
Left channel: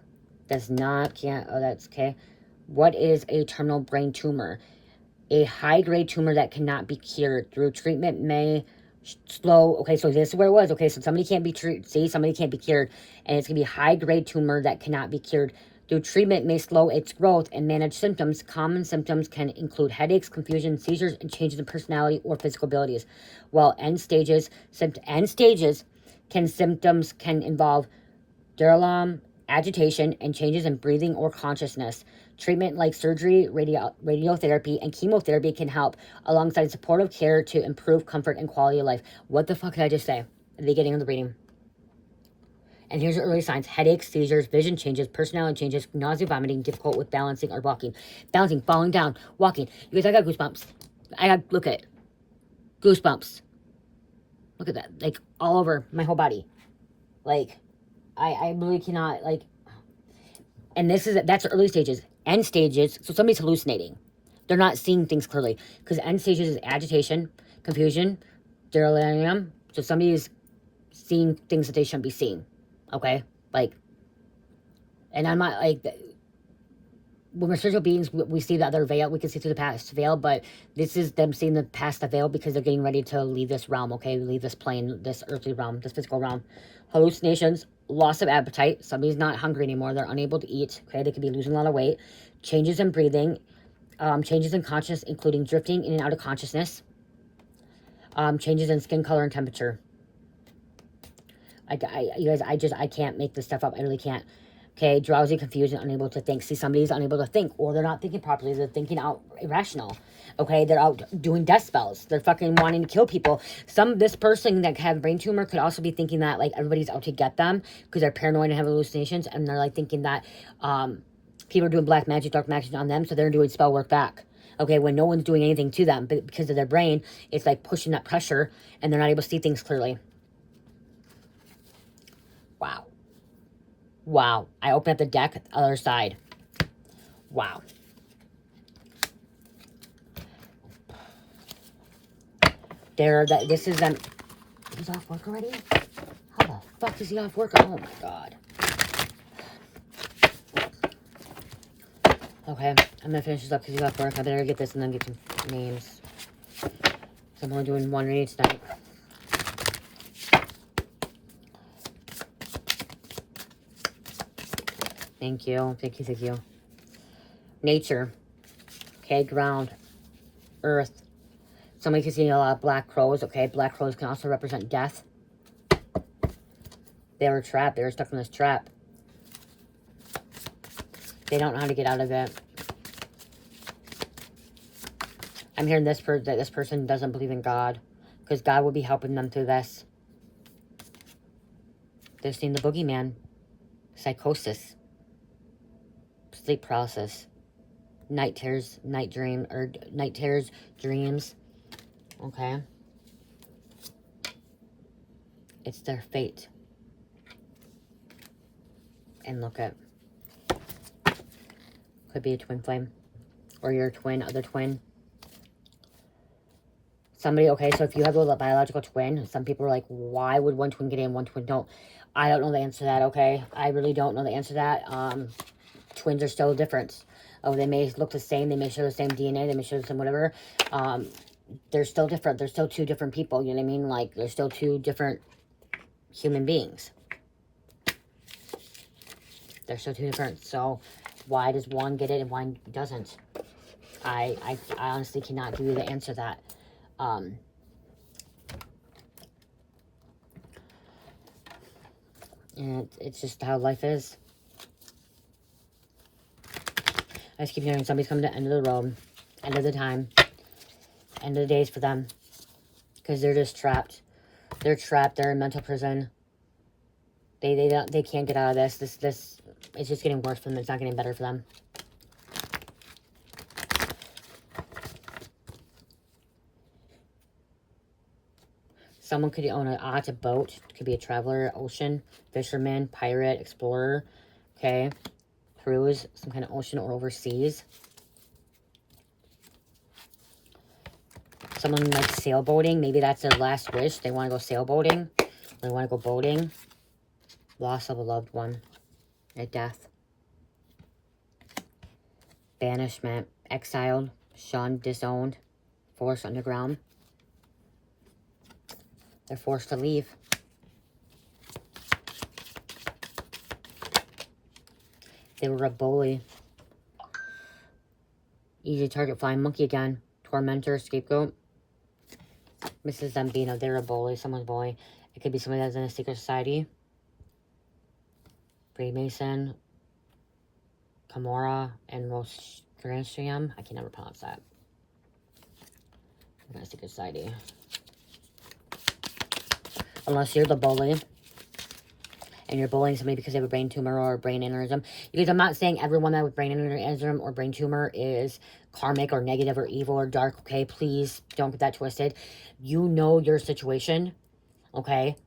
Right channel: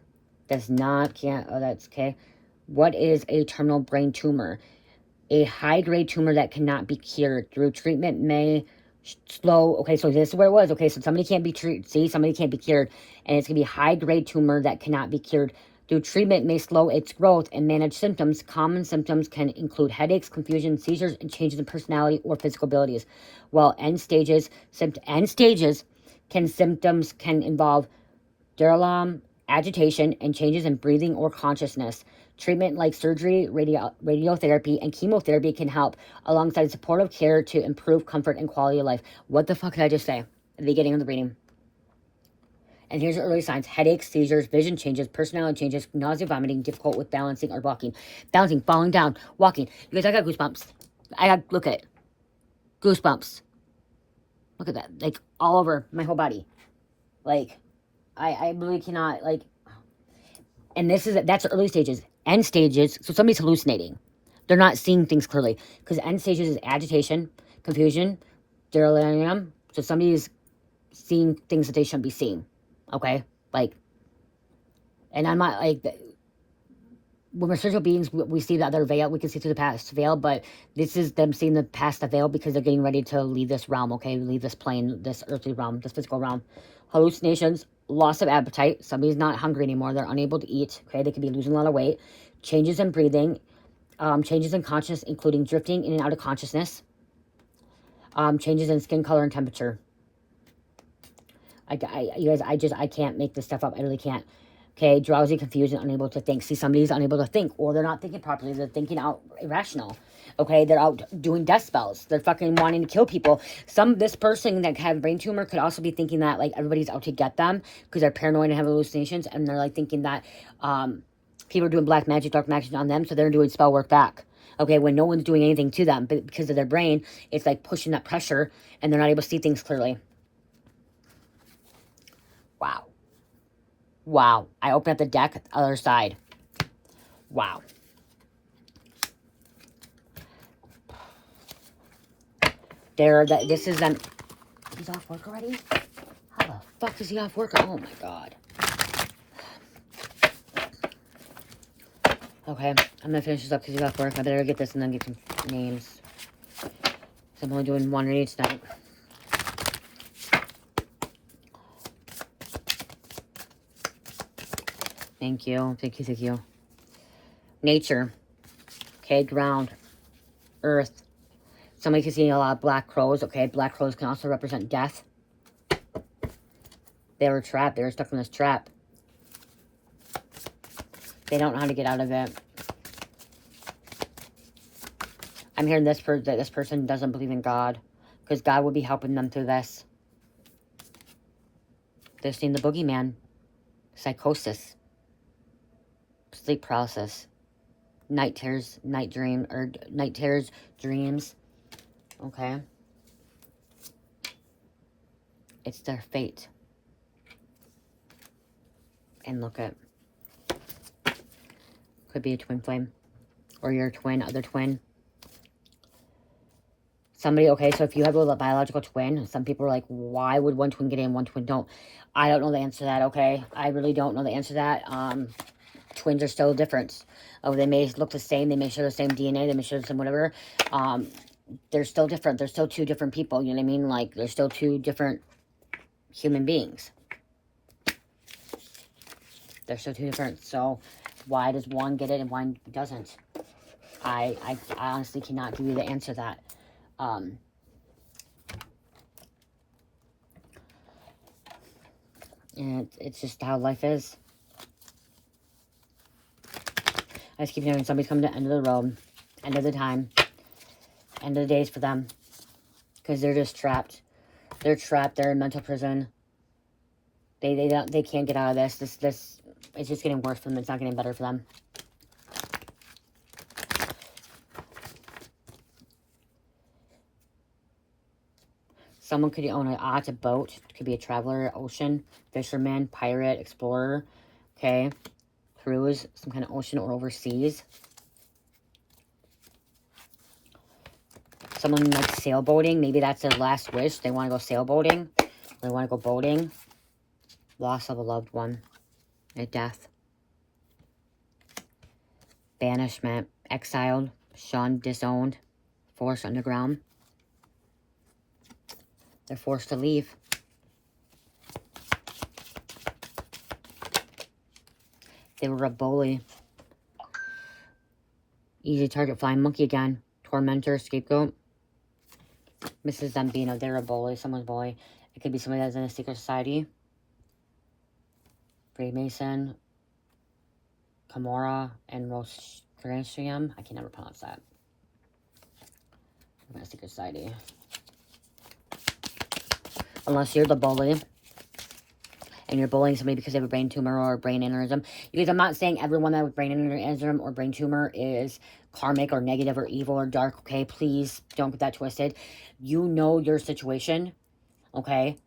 that's okay. What is a terminal brain tumor? A high-grade tumor that cannot be cured through treatment may slow. Okay, so this is where it was. Okay, so somebody can't be somebody can't be cured, and it's gonna be a high-grade tumor that cannot be cured through treatment may slow its growth and manage symptoms. Common symptoms can include headaches, confusion, seizures, and changes in personality or physical abilities. While symptoms can involve delirium, agitation, and changes in breathing or consciousness. Treatment like surgery, radiotherapy, and chemotherapy can help alongside supportive care to improve comfort and quality of life. What the fuck did I just say at the beginning of the reading? And here's your early signs: headaches, seizures, vision changes, personality changes, nausea, vomiting, difficult with balancing or walking. Balancing, falling down, walking. You guys, I got goosebumps. Look at goosebumps. Look at that. Like, all over my whole body. Like, I really cannot, like, and that's the early stages. End stages, so somebody's hallucinating. They're not seeing things clearly. Because end stages is agitation, confusion, delirium. So somebody's seeing things that they shouldn't be seeing. Okay? Like, and I'm not, like, when we're spiritual beings, we see the other veil. We can see through the past veil, but this is them seeing the past the veil because they're getting ready to leave this realm, okay? Leave this plane, this earthly realm, this physical realm. Hallucinations, loss of appetite. Somebody's not hungry anymore. They're unable to eat, okay? They could be losing a lot of weight. Changes in breathing. Changes in consciousness, including drifting in and out of consciousness. Changes in skin color and temperature. You guys, I can't make this stuff up. I really can't. Okay, drowsy, confused, and unable to think. See, somebody's unable to think, or they're not thinking properly. They're thinking out irrational. Okay, they're out doing death spells. They're fucking wanting to kill people. This person that had a brain tumor could also be thinking that, like, everybody's out to get them because they're paranoid and have hallucinations, and they're, like, thinking that people are doing black magic, dark magic on them, so they're doing spell work back. Okay, when no one's doing anything to them, but because of their brain, it's like pushing that pressure and they're not able to see things clearly. Wow. Wow. I open up the deck, other side. Wow. This is them. He's off work already? How the fuck is he off work? Oh my god. Okay, I'm gonna finish this up because he's off work. I better get this and then get some names. I'm only doing one reading tonight. Thank you, thank you, thank you. Nature. Okay, ground. Earth. Somebody can see a lot of black crows. Okay, black crows can also represent death. They were trapped. They were stuck in this trap. They don't know how to get out of it. I'm hearing that this person doesn't believe in God, because God would be helping them through this. They're seeing the boogeyman. Psychosis. Sleep paralysis. Night terrors, night terrors, dreams. Okay. It's their fate. And look at. Could be a twin flame. Or your twin, other twin. Somebody, okay, so if you have a biological twin, some people are like, why would one twin get in, one twin don't? I don't know the answer to that, okay? I really don't know the answer to that. Twins are still different. Oh, they may look the same. They may share the same DNA. They may share the same whatever. They're still different. They're still two different people. You know what I mean? Like, they're still two different human beings. They're still two different. So, why does one get it and one doesn't? I honestly cannot give you the answer to that. And it's just how life is. I just keep hearing somebody's coming to the end of the road, end of the time, end of the days for them. Because they're just trapped. They're trapped. They're in mental prison. They can't get out of this. This it's just getting worse for them. It's not getting better for them. Someone could own a boat. It could be a traveler, ocean, fisherman, pirate, explorer. Okay. Cruise, some kind of ocean or overseas. Someone like sailboating. Maybe that's their last wish. They want to go sailboating. They want to go boating. Loss of a loved one. A death. Banishment. Exiled. Shunned. Disowned. Forced underground. They're forced to leave. They were a bully. Easy target, flying monkey again. Tormentor, scapegoat. Mrs. Zambino, they were a bully. Someone's bully. It could be somebody that's in a secret society. Freemason. Camorra and Rostratium. I can never pronounce that. In a secret society. Unless you're the bully. And you're bullying somebody because they have a brain tumor or a brain aneurysm. Because I'm not saying everyone that with brain aneurysm or brain tumor is karmic or negative or evil or dark, okay? Please don't get that twisted. You know your situation, okay?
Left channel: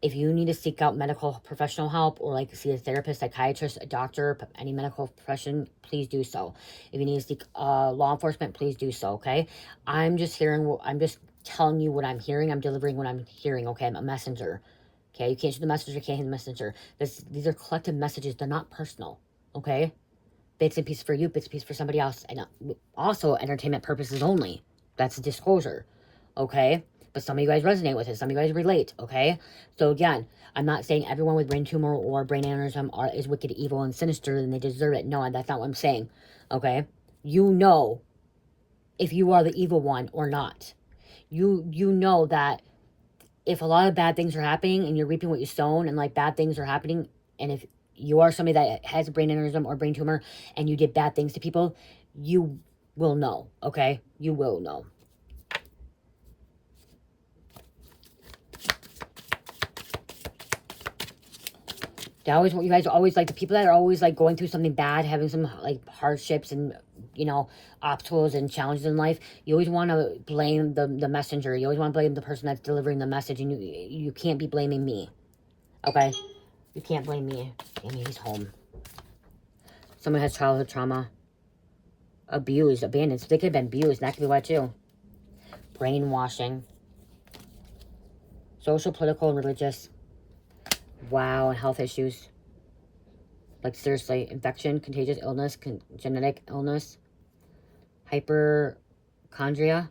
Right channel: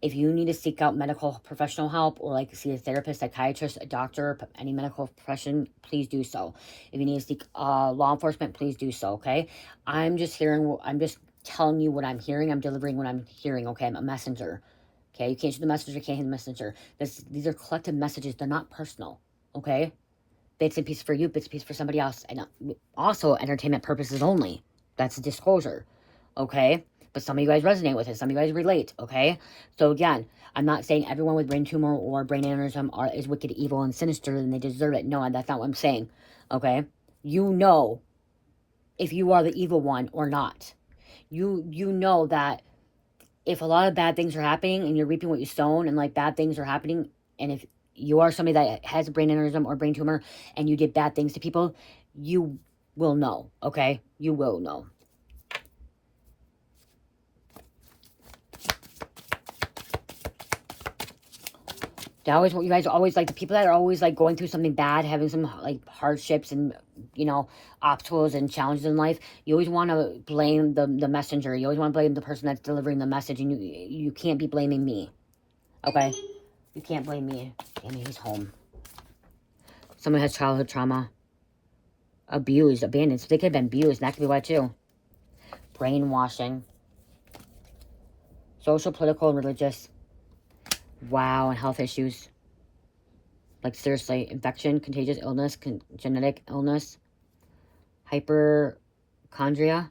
If you need to seek out medical professional help or like see a therapist, psychiatrist, a doctor, any medical profession, please do so. If you need to seek law enforcement, please do so, okay? I'm just telling you what I'm hearing. I'm delivering what I'm hearing, okay? I'm a messenger. Okay, you can't shoot the messenger, you can't hear the messenger. These are collective messages. They're not personal, okay? Bits and pieces for you, bits and pieces for somebody else. And also entertainment purposes only. That's a disclosure, okay? But some of you guys resonate with it. Some of you guys relate, okay? So again, I'm not saying everyone with brain tumor or brain aneurysm is wicked, evil, and sinister and they deserve it. No, that's not what I'm saying, okay? You know if you are the evil one or not. You know that if a lot of bad things are happening and you're reaping what you sown and like bad things are happening, and if you are somebody that has a brain aneurysm or brain tumor and you did bad things to people, you will know, okay? You will know. They always, you guys are always like the people that are always like going through something bad, having some like hardships and, you know, obstacles and challenges in life. You always want to blame the messenger. You always want to blame the person that's delivering the message, and you can't be blaming me. Okay? You can't blame me. Amy, he's home. Someone has childhood trauma. Abused, abandoned. So they could have been abused. That could be why too. Brainwashing. Social, political, and religious. Wow, and health issues. Like seriously, infection, contagious illness, genetic illness, hypochondria,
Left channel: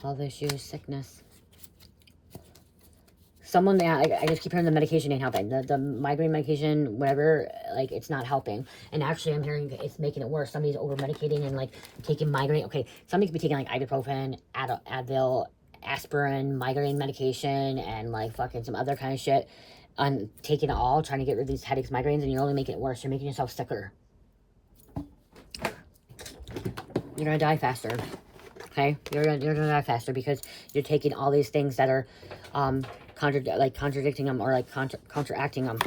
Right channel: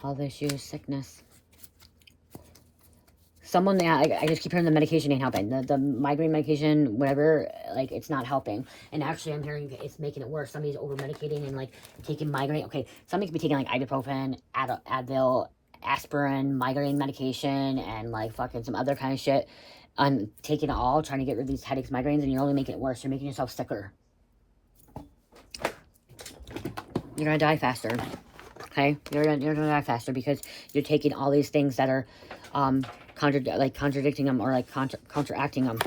health issues, sickness. Someone, I just keep hearing the medication ain't helping. The migraine medication, whatever, like, it's not helping. And actually, I'm hearing it's making it worse. Somebody's over-medicating and, like, taking migraine. Okay, somebody could be taking, like, ibuprofen, Advil, aspirin, migraine medication, and, like, fucking some other kind of shit. And taking it all, trying to get rid of these headaches, migraines, and you're only making it worse. You're making yourself sicker. You're gonna die faster. Okay? You're gonna die faster because you're taking all these things that are, contradicting them or like counteracting them.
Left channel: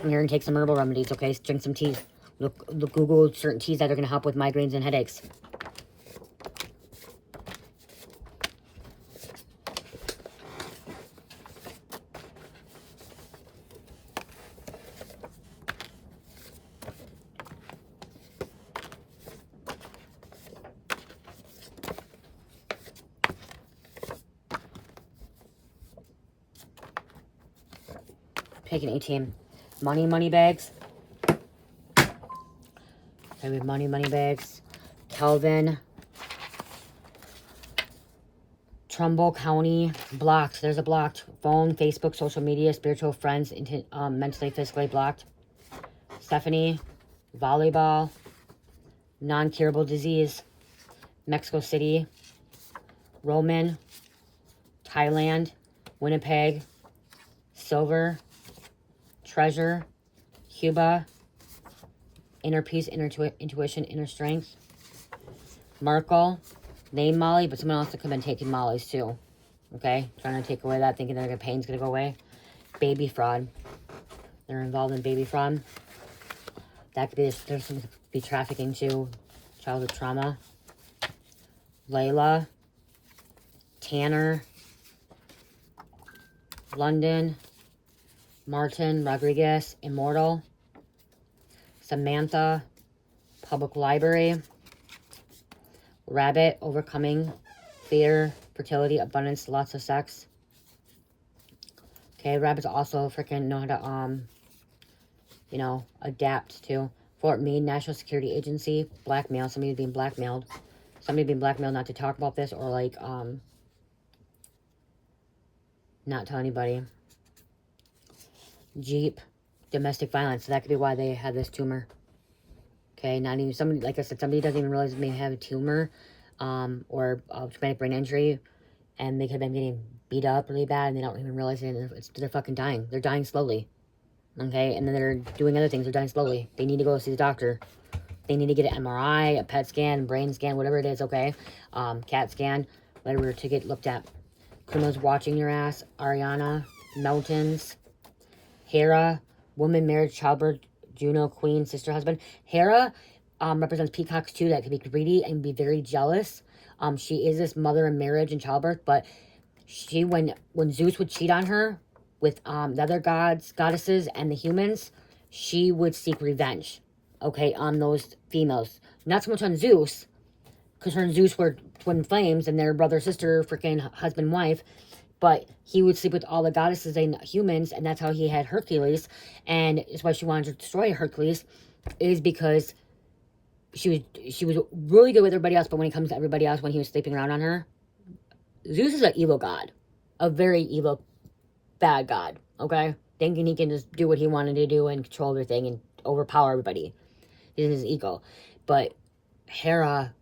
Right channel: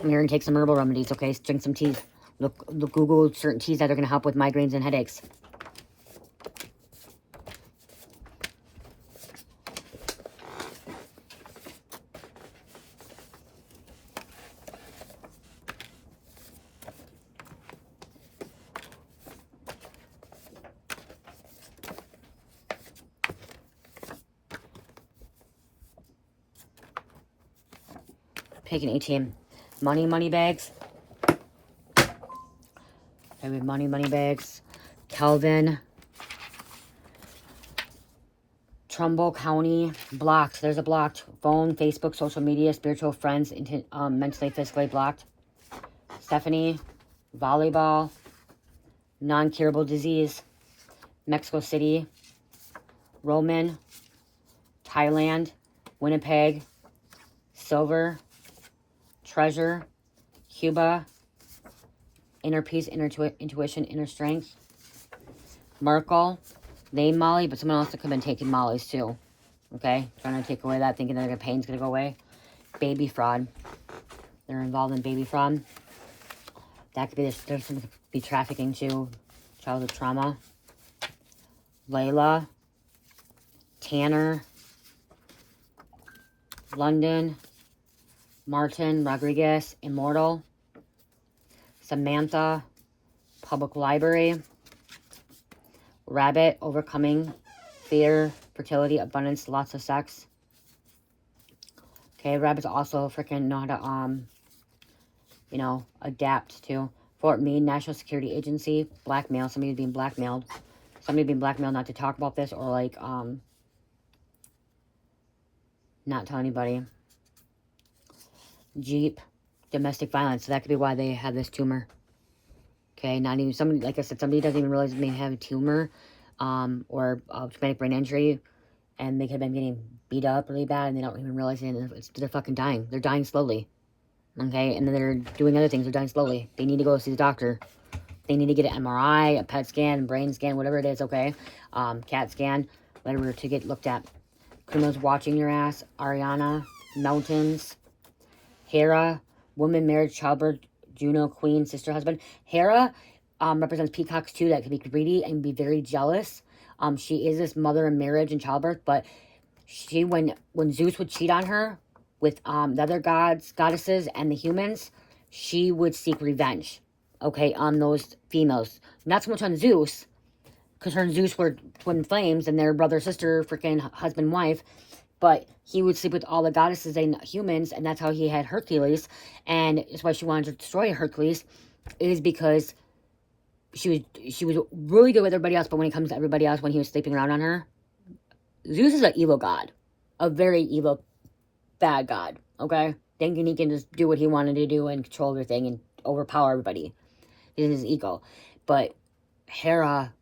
And you're gonna take some herbal remedies, okay? Drink some teas. Look, Google certain teas that are gonna help with migraines and headaches. Pick an A-team. Money bags. Okay, money bags. Kelvin. Trumbull County. Blocked. There's a blocked. Phone, Facebook, social media, spiritual friends, mentally, physically blocked. Stephanie. Volleyball. Non-curable disease. Mexico City. Roman. Thailand. Winnipeg. Silver. Treasure, Cuba, inner peace, inner intuition, inner strength. Merkel, name Molly, but someone else could have been taking Molly's too. Okay, trying to take away that, thinking their pain's gonna go away. Baby fraud, they're involved in baby fraud. That could be, there's some could be trafficking too, childhood trauma. Layla, Tanner, London. Martin Rodriguez, Immortal. Samantha, Public Library. Rabbit, Overcoming Fear, Fertility, Abundance, Lots of Sex. Okay, rabbits also freaking know how to, you know, adapt to. Fort Meade, National Security Agency, blackmail. Somebody being blackmailed. Somebody being blackmailed not to talk about this or, like, not tell anybody. Jeep, domestic violence. So that could be why they had this tumor. Okay, not even somebody, like I said, somebody doesn't even realize they may have a tumor, or a traumatic brain injury, and they could have been getting beat up really bad, and they don't even realize it. They're fucking dying. They're dying slowly. Okay, and then they're doing other things. They're dying slowly. They need to go see the doctor. They need to get an MRI, a PET scan, brain scan, whatever it is. Okay, CAT scan, whatever to get looked at. Criminals watching your ass. Ariana, mountains. Hera, woman, marriage, childbirth, Juno, queen, sister, husband. Hera represents peacocks too that can be greedy and be very jealous. She is this mother in marriage and childbirth, but she, when Zeus would cheat on her with the other goddesses, and the humans, she would seek revenge, okay, on those females. Not so much on Zeus, because her and Zeus were twin flames, and their brother, sister, freaking husband, wife. But he would sleep with all the goddesses and humans, and that's how he had Hercules. And it's why she wanted to destroy Hercules, is because she was really good with everybody else, but when it comes to everybody else, when he was sleeping around on her, Zeus is an evil god. A very evil, bad god, okay? Thinking he can just do what he wanted to do and control everything and overpower everybody. He's in his ego. But Hera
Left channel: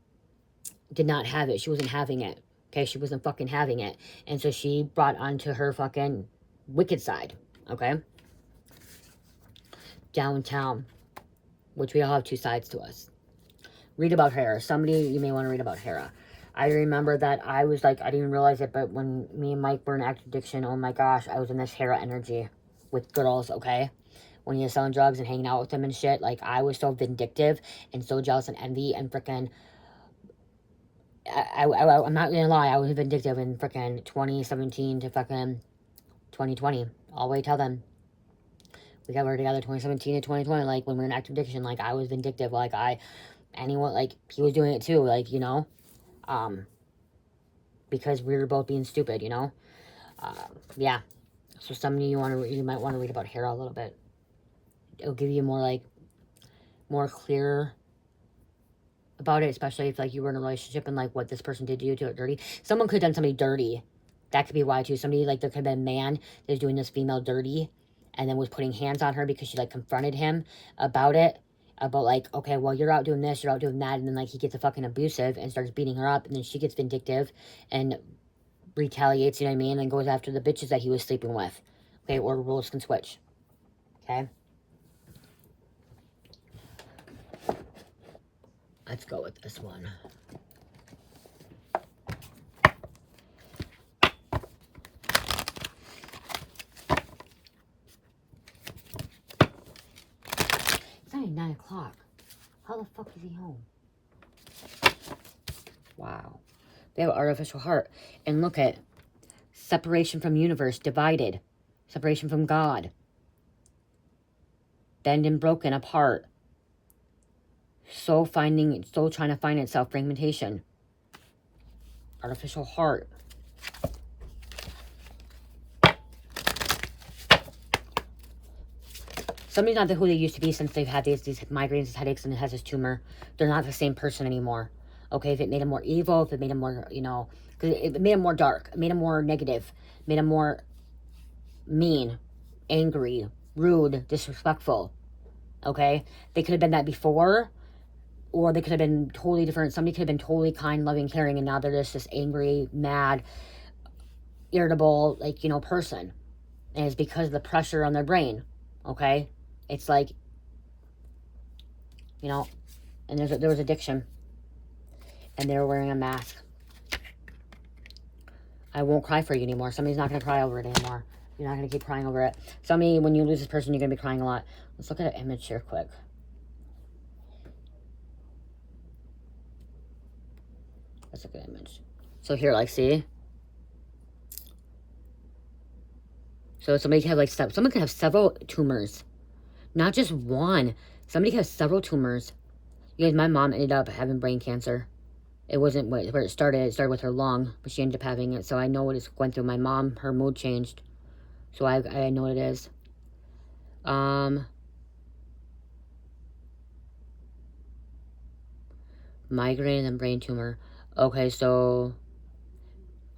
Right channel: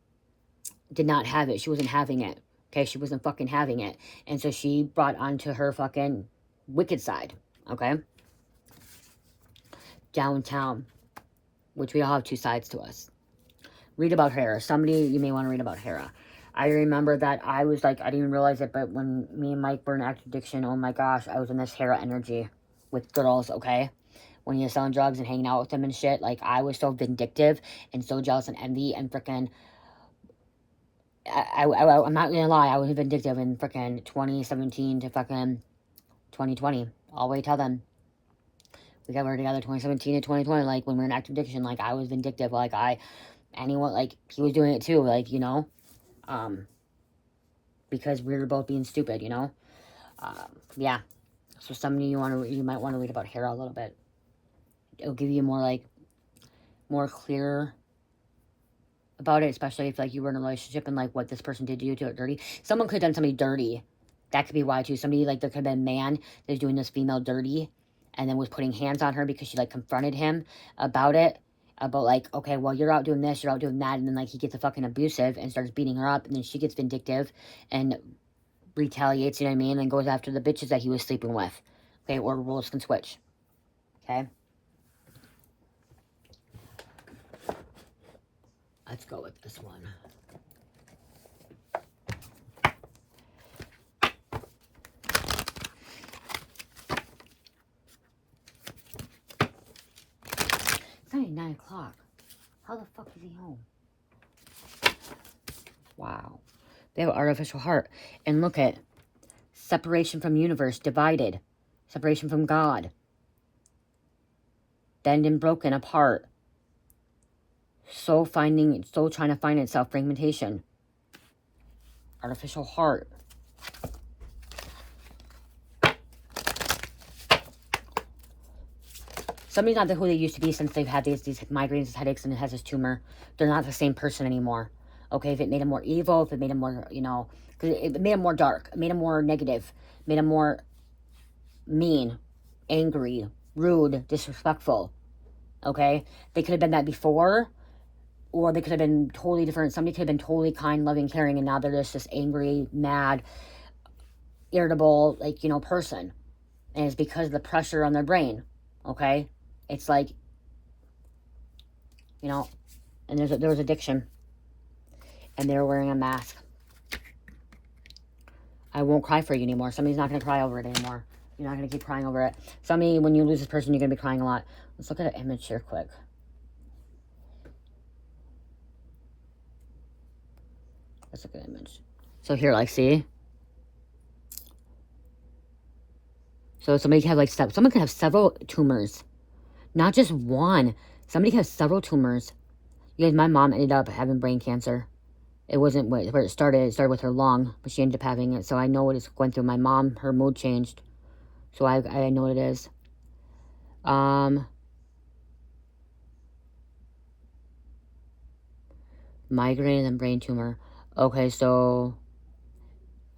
did not have it. She wasn't having it. Okay, she wasn't fucking having it. And so she brought onto her fucking wicked side. Okay? Downtown. Which we all have two sides to us. Read about Hera. Somebody, you may want to read about Hera. I remember that I was like, I didn't even realize it, but when me and Mike were in active addiction, oh my gosh, I was in this Hera energy with girls, okay? When you're selling drugs and hanging out with them and shit, like, I was so vindictive and so jealous and envy and freaking, I'm not gonna lie, I was vindictive in freaking 2017 to fucking 2020, all the way till then. We got together 2017 to 2020, like, when we were in active addiction, like, I was vindictive, like, anyone, like, he was doing it too, like, you know, because we were both being stupid, you know, yeah, so some of you might want to read about Hera a little bit. It'll give you more, like, more clear about it, especially if, like, you were in a relationship and, like, what this person did to you to it dirty. Someone could have done somebody dirty. That could be why, too. Somebody, like, there could have been a man that was doing this female dirty and then was putting hands on her because she, like, confronted him about it. About, like, okay, well, you're out doing this, you're out doing that, and then, like, he gets a fucking abusive and starts beating her up, and then she gets vindictive and retaliates, you know what I mean, and goes after the bitches that he was sleeping with. Okay, or roles can switch. Okay? Let's go with this one. It's only 9 o'clock. How the fuck is he home? Wow. They have an artificial heart. And look at separation from universe, divided. Separation from God. Bend and broken apart. Soul trying to find itself, fragmentation. Artificial heart. Somebody's not who they used to be since they've had these migraines, headaches, and has this tumor. They're not the same person anymore. Okay, if it made them more evil, if it made them more, you know, because it made them more dark, it made them more negative, made them more mean, angry, rude, disrespectful. Okay, they could have been that before, or they could have been totally different. Somebody could have been totally kind, loving, caring, and now they're just this angry, mad, irritable, like, you know, person. And it's because of the pressure on their brain. Okay, it's like, you know, and there was addiction, and they were wearing a mask. I won't cry for you anymore. Somebody's not going to cry over it anymore. You're not going to keep crying over it. Somebody, when you lose this person, you're going to be crying a lot. Let's look at an image here quick. Let's look at an image. So here, like, see? So somebody can have, like, someone can have several tumors. Not just one. Somebody can have several tumors. You guys, my mom ended up having brain cancer. It wasn't where it started. It started with her lung, but she ended up having it. So I know what it's going through. My mom, her mood changed. So I know what it is. Migraine and brain tumor. Okay, so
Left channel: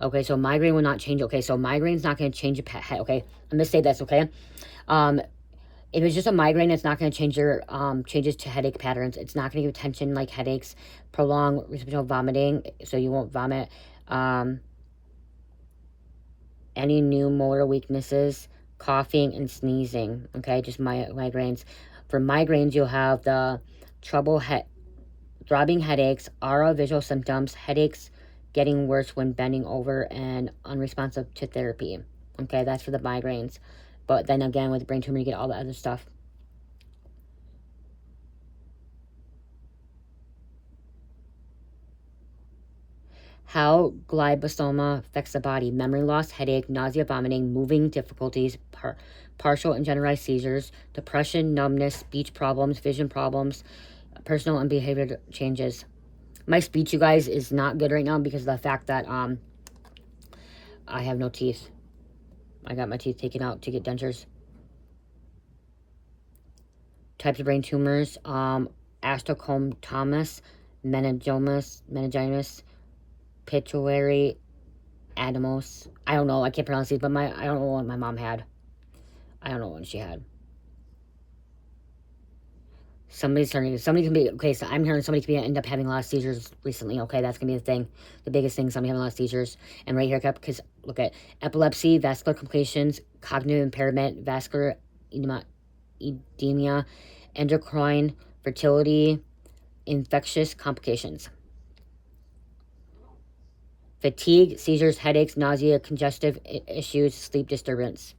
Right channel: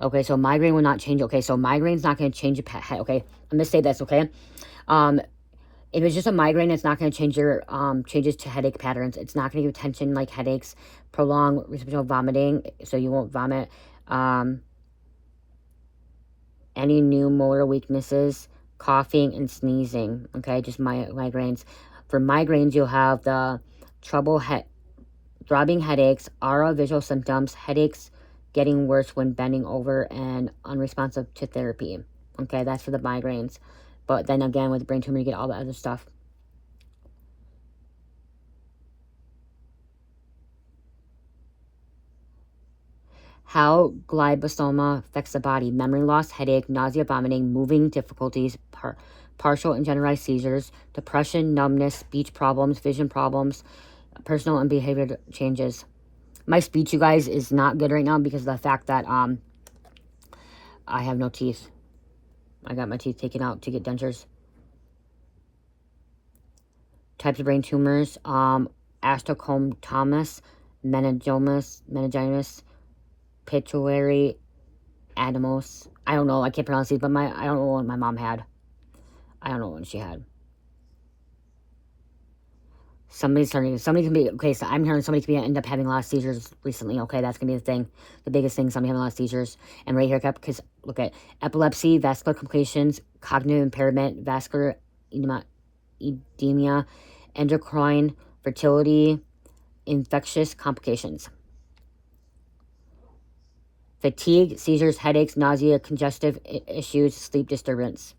migraine will not change. Okay, so migraine's not going to change your head. Okay, I'm going to say this, okay? If it's just a migraine, it's not going to change your changes to headache patterns. It's not going to give tension like headaches, prolonged reciprocal vomiting, so you won't vomit. Any new motor weaknesses, coughing and sneezing. Okay, just migraines. For migraines, you'll have the throbbing headaches, aura visual symptoms, headaches getting worse when bending over, and unresponsive to therapy. Okay, that's for the migraines. But then again, with the brain tumor, you get all the other stuff. How glioblastoma affects the body. Memory loss, headache, nausea, vomiting, moving difficulties, partial and generalized seizures, depression, numbness, speech problems, vision problems, personal and behavior changes. My speech, you guys, is not good right now because of the fact that I have no teeth. I got my teeth taken out to get dentures. Types of brain tumors, astrocytomas, meningitis, pituitary adenomos. I don't know. I can't pronounce these, but I don't know what my mom had. I don't know what she had. Somebody can be, okay, so I'm hearing somebody can end up having a lot of seizures recently, okay, that's going to be the thing, the biggest thing, somebody having a lot of seizures, and right here, because, look at epilepsy, vascular complications, cognitive impairment, vascular edema, endocrine, fertility, infectious complications. fatigue, seizures, headaches, nausea, congestive issues, sleep disturbance.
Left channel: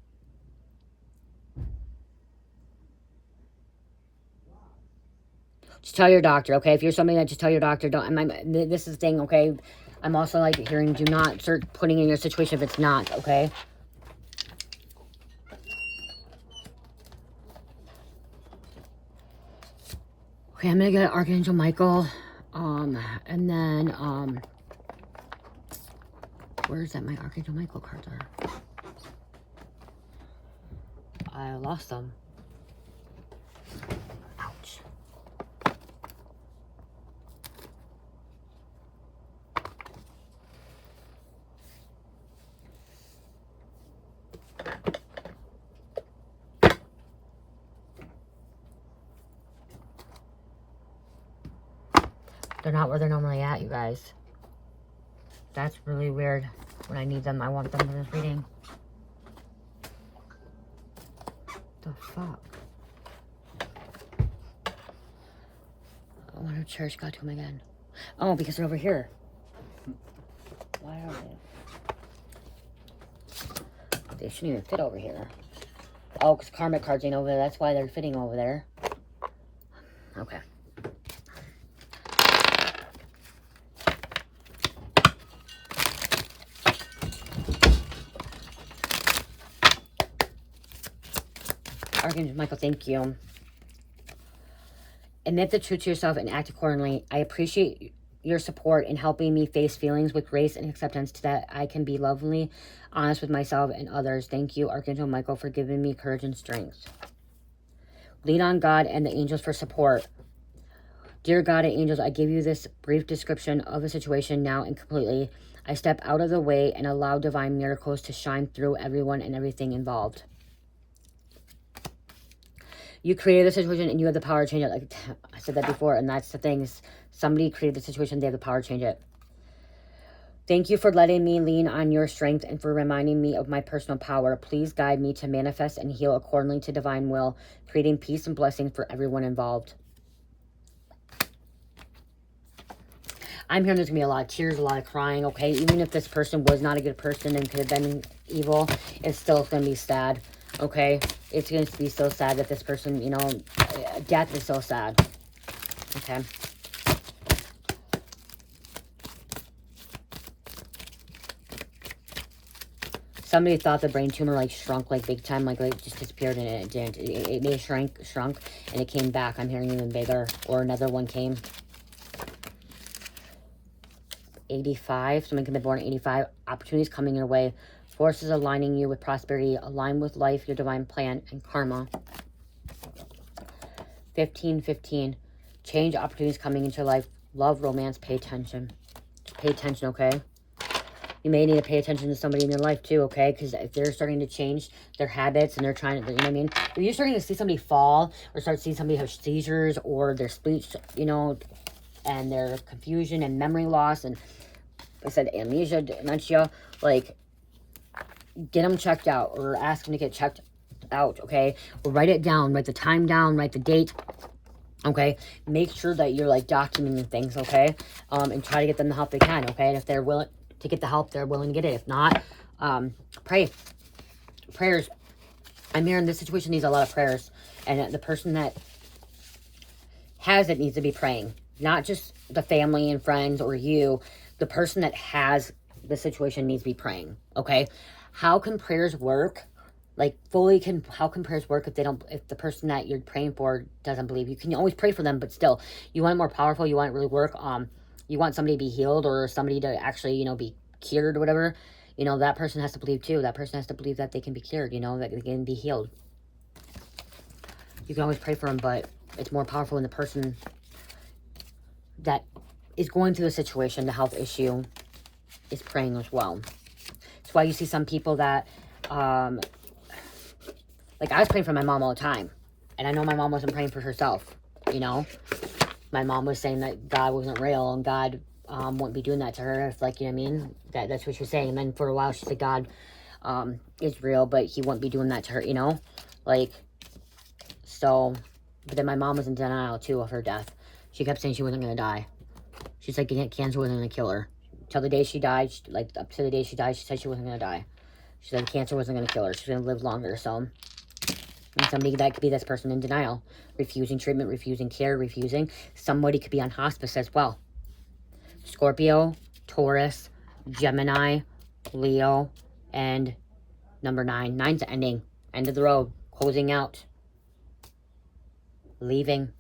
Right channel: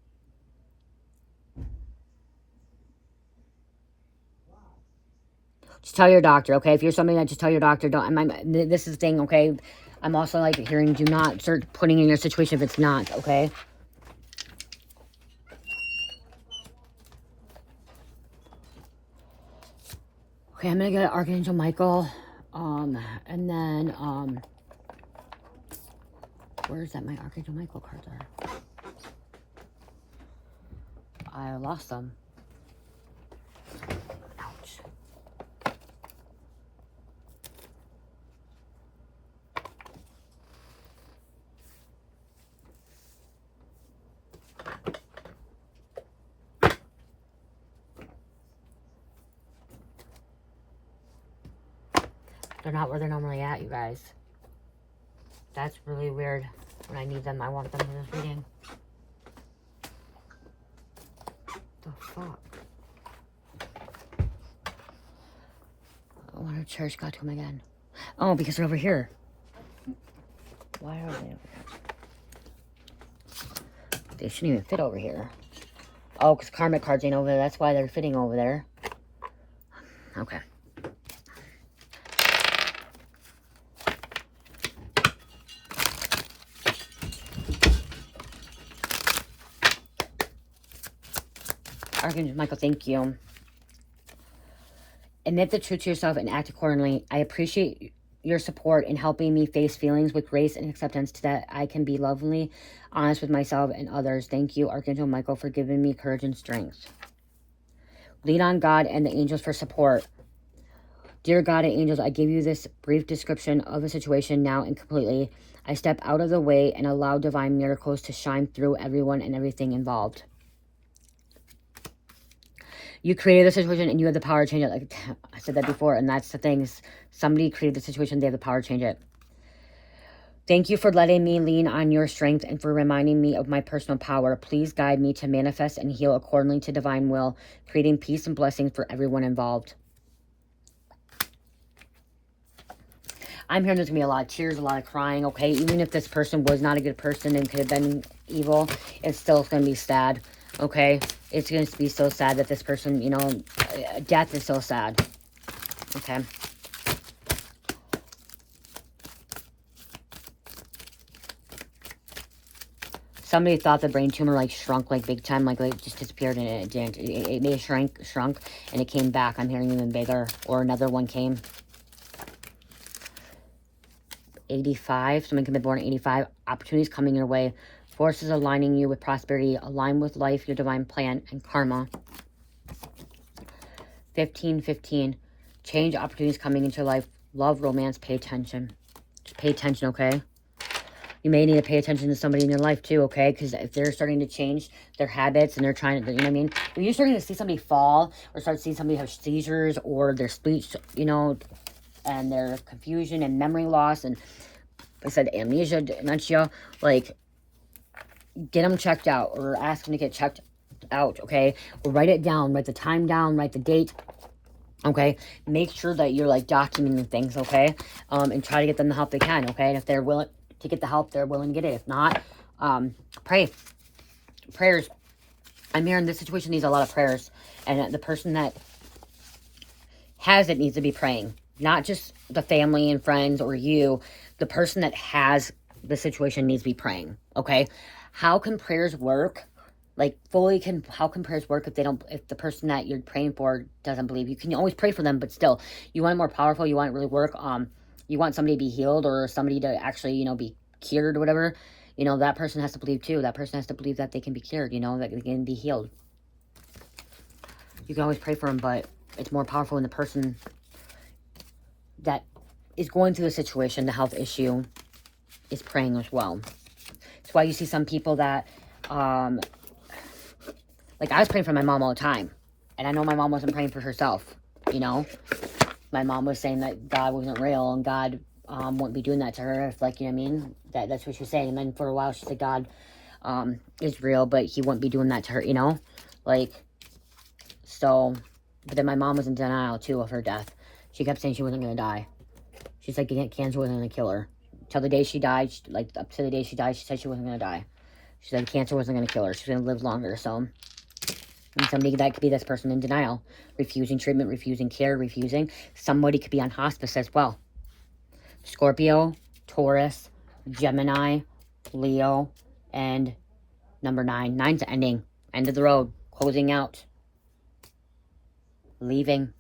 Just tell your doctor, okay? If you're something that, just tell your doctor. This is the thing, okay? I'm also like hearing, do not start putting in your situation if it's not, okay? Okay, I'm gonna get Archangel Michael, and then, where's that my Archangel Michael cards are? I lost them. Ouch. They're not where they're normally at, you guys. That's really weird. When I need them, I want them for this reading. The fuck? I want to church got to them again. Oh, because they're over here. Why are they over here? They shouldn't even fit over here. Oh, because karmic cards ain't over there. That's why they're fitting over there. Okay. Archangel Michael, thank you. Admit the truth to yourself and act accordingly. I appreciate your support in helping me face feelings with grace and acceptance so that I can be lovingly honest with myself and others. Thank you, Archangel Michael, for giving me courage and strength. Lean on God and the angels for support. Dear God and angels, I give you this brief description of a situation now and completely. I step out of the way and allow divine miracles to shine through everyone and everything involved. You created the situation and you have the power to change it. Like I said that before, and that's the thing. Is somebody created the situation, they have the power to change it. Thank you for letting me lean on your strength and for reminding me of my personal power. Please guide me to manifest and heal accordingly to divine will, creating peace and blessing for everyone involved. I'm hearing there's going to be a lot of tears, a lot of crying, okay? Even if this person was not a good person and could have been evil, it's still going to be sad, okay? It's going to be so sad that this person, you know, death is so sad, okay? Somebody thought the brain tumor, like, shrunk, like, big time, like just disappeared, and it didn't. It may have shrunk, and it came back. I'm hearing even bigger, or another one came. 85, someone can be born at 85. Opportunities coming your way. Forces aligning you with prosperity. Align with life, your divine plan, and karma. 15. Change, opportunities coming into your life. Love, romance, pay attention. Just pay attention, okay? You may need to pay attention to somebody in your life too, okay? Because if they're starting to change their habits and they're trying to, you know what I mean? If you're starting to see somebody fall or start seeing somebody have seizures or their speech, you know, and their confusion and memory loss and, I said, amnesia, dementia, like, get them checked out or ask them to get checked out, okay? Or write it down, write the time down, write the date, okay? Make sure that you're, like, documenting things, okay? And try to get them the help they can, okay? And if they're willing to get the help, they're willing to get it. If not, pray. Prayers. I'm hearing this situation needs a lot of prayers. And the person that has it needs to be praying. Not just the family and friends or you. The person that has the situation needs to be praying, okay? How can prayers work? Like, how can prayers work if the person that you're praying for doesn't believe? You can always pray for them, but still, you want it more powerful, you want it to really work, you want somebody to be healed or somebody to actually, you know, be cured or whatever, you know, that person has to believe too. That person has to believe that they can be cured, you know, that they can be healed. You can always pray for them, but it's more powerful when the person that is going through the situation, the health issue, is praying as well. That's why you see some people that, like, I was praying for my mom all the time. And I know my mom wasn't praying for herself, you know. My mom was saying that God wasn't real and God wouldn't be doing that to her if, like, you know what I mean? That's what she was saying. And then for a while she said God is real, but he wouldn't be doing that to her, you know? Like, so, but then my mom was in denial, too, of her death. She kept saying she wasn't going to die. She's like, cancer wasn't going to kill her. till the day she died. Like, up to the day she died, she said she wasn't going to die. She said cancer wasn't going to kill her. She's going to live longer. So, and somebody that could be this person in denial, refusing treatment, refusing care, refusing. Somebody could be on hospice as well. Scorpio, Taurus, Gemini, Leo, and number 9. 9's ending. End of the road. Closing out. Leaving.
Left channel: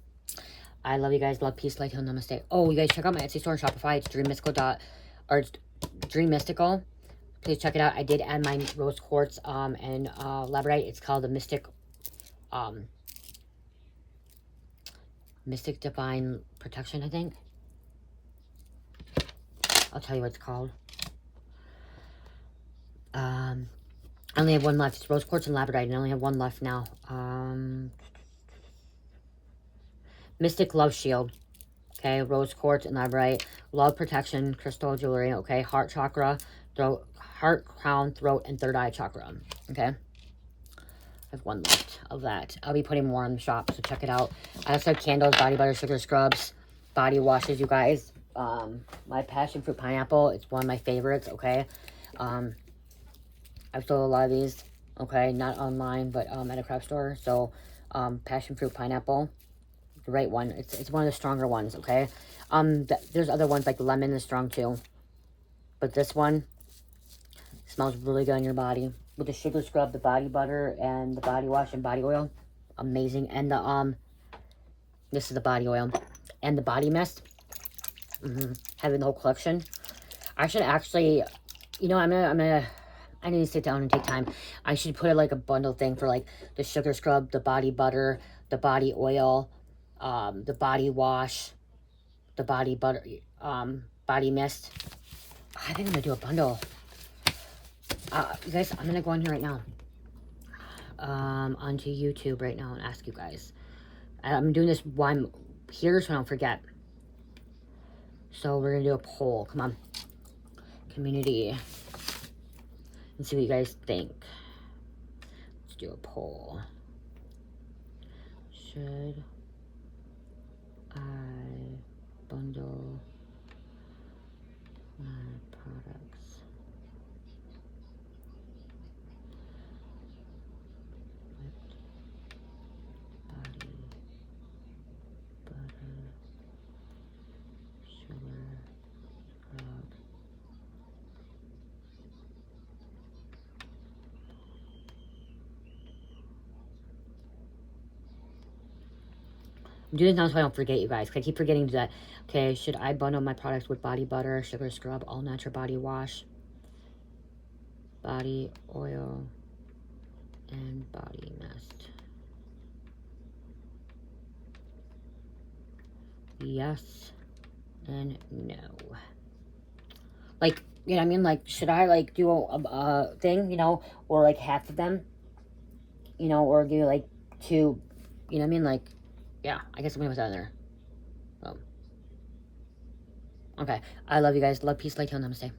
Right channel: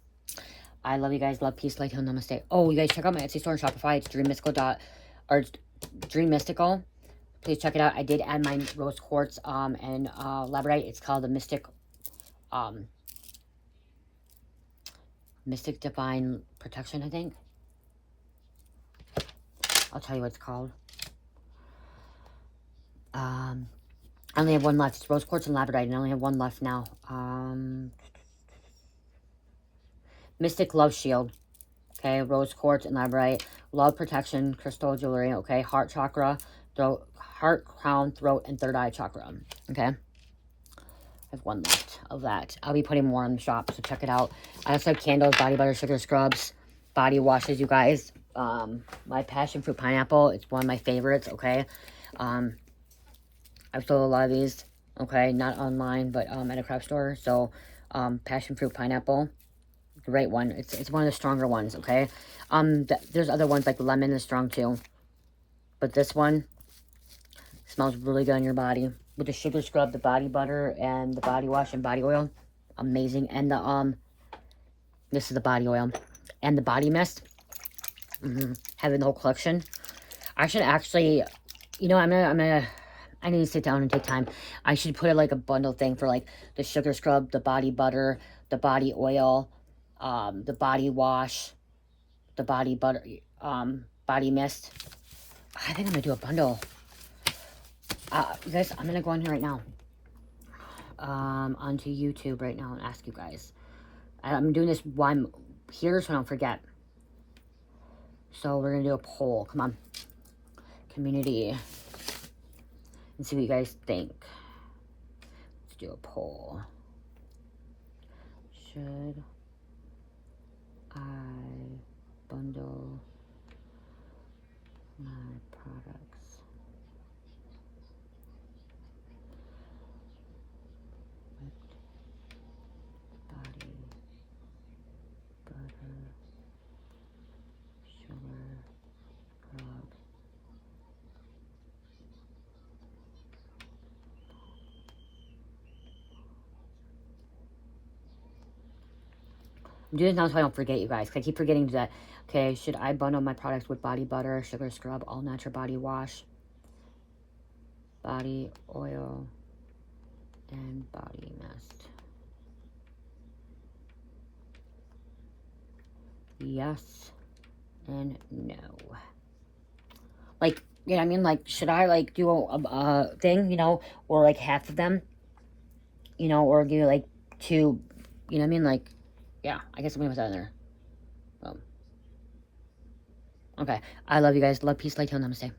I love you guys. Love, peace, light, heal, namaste. Oh, you guys check out my Etsy store and Shopify. It's Dream Mystical. Please check it out. I did add my rose quartz and labradorite. It's called the Mystic Divine Protection, I think. I'll tell you what it's called. I only have one left. It's rose quartz and labradorite, and I only have one left now. Mystic Love Shield. Okay, rose quartz and labradorite. Love protection, crystal jewelry. Okay, heart chakra, throat, heart, crown, throat, and third eye chakra. Okay, I have one left of that. I'll be putting more in the shop, so check it out. I also have candles, body butter, sugar scrubs, body washes, you guys. My passion fruit pineapple, it's one of my favorites. Okay, I've sold a lot of these. Okay, not online, but at a craft store. So passion fruit pineapple, great one. It's one of the stronger ones. Okay, there's other ones like lemon is strong too, but this one smells really good on your body with the sugar scrub, the body butter, and the body wash and body oil. Amazing. And the this is the body oil and the body mist. Having the whole collection. I should actually, you know, I need to sit down and take time. I should put like a bundle thing for like the sugar scrub, the body butter, the body oil, the body wash, the body butter, body mist. I think I'm gonna do a bundle. You guys, I'm gonna go in here right now. Onto YouTube right now and ask you guys. I'm doing this while I'm here so I don't forget. So we're gonna do a poll. Come on, community, and see what you guys think. Let's do a poll. Should I bundle my products with body butter, sugar, scrub, I'm doing this now so I don't forget, you guys. I keep forgetting that. Okay, should I bundle my products with body butter, sugar scrub, all natural body wash, body oil, and body mist? Yes and no. Like, you know what I mean? Like, should I, like, do a thing, you know, or, like, half of them, you know, or do, like, 2, you know what I mean? Like, yeah, I guess I'm gonna put that in there. Okay, I love you guys. Love, peace, light, heal, namaste.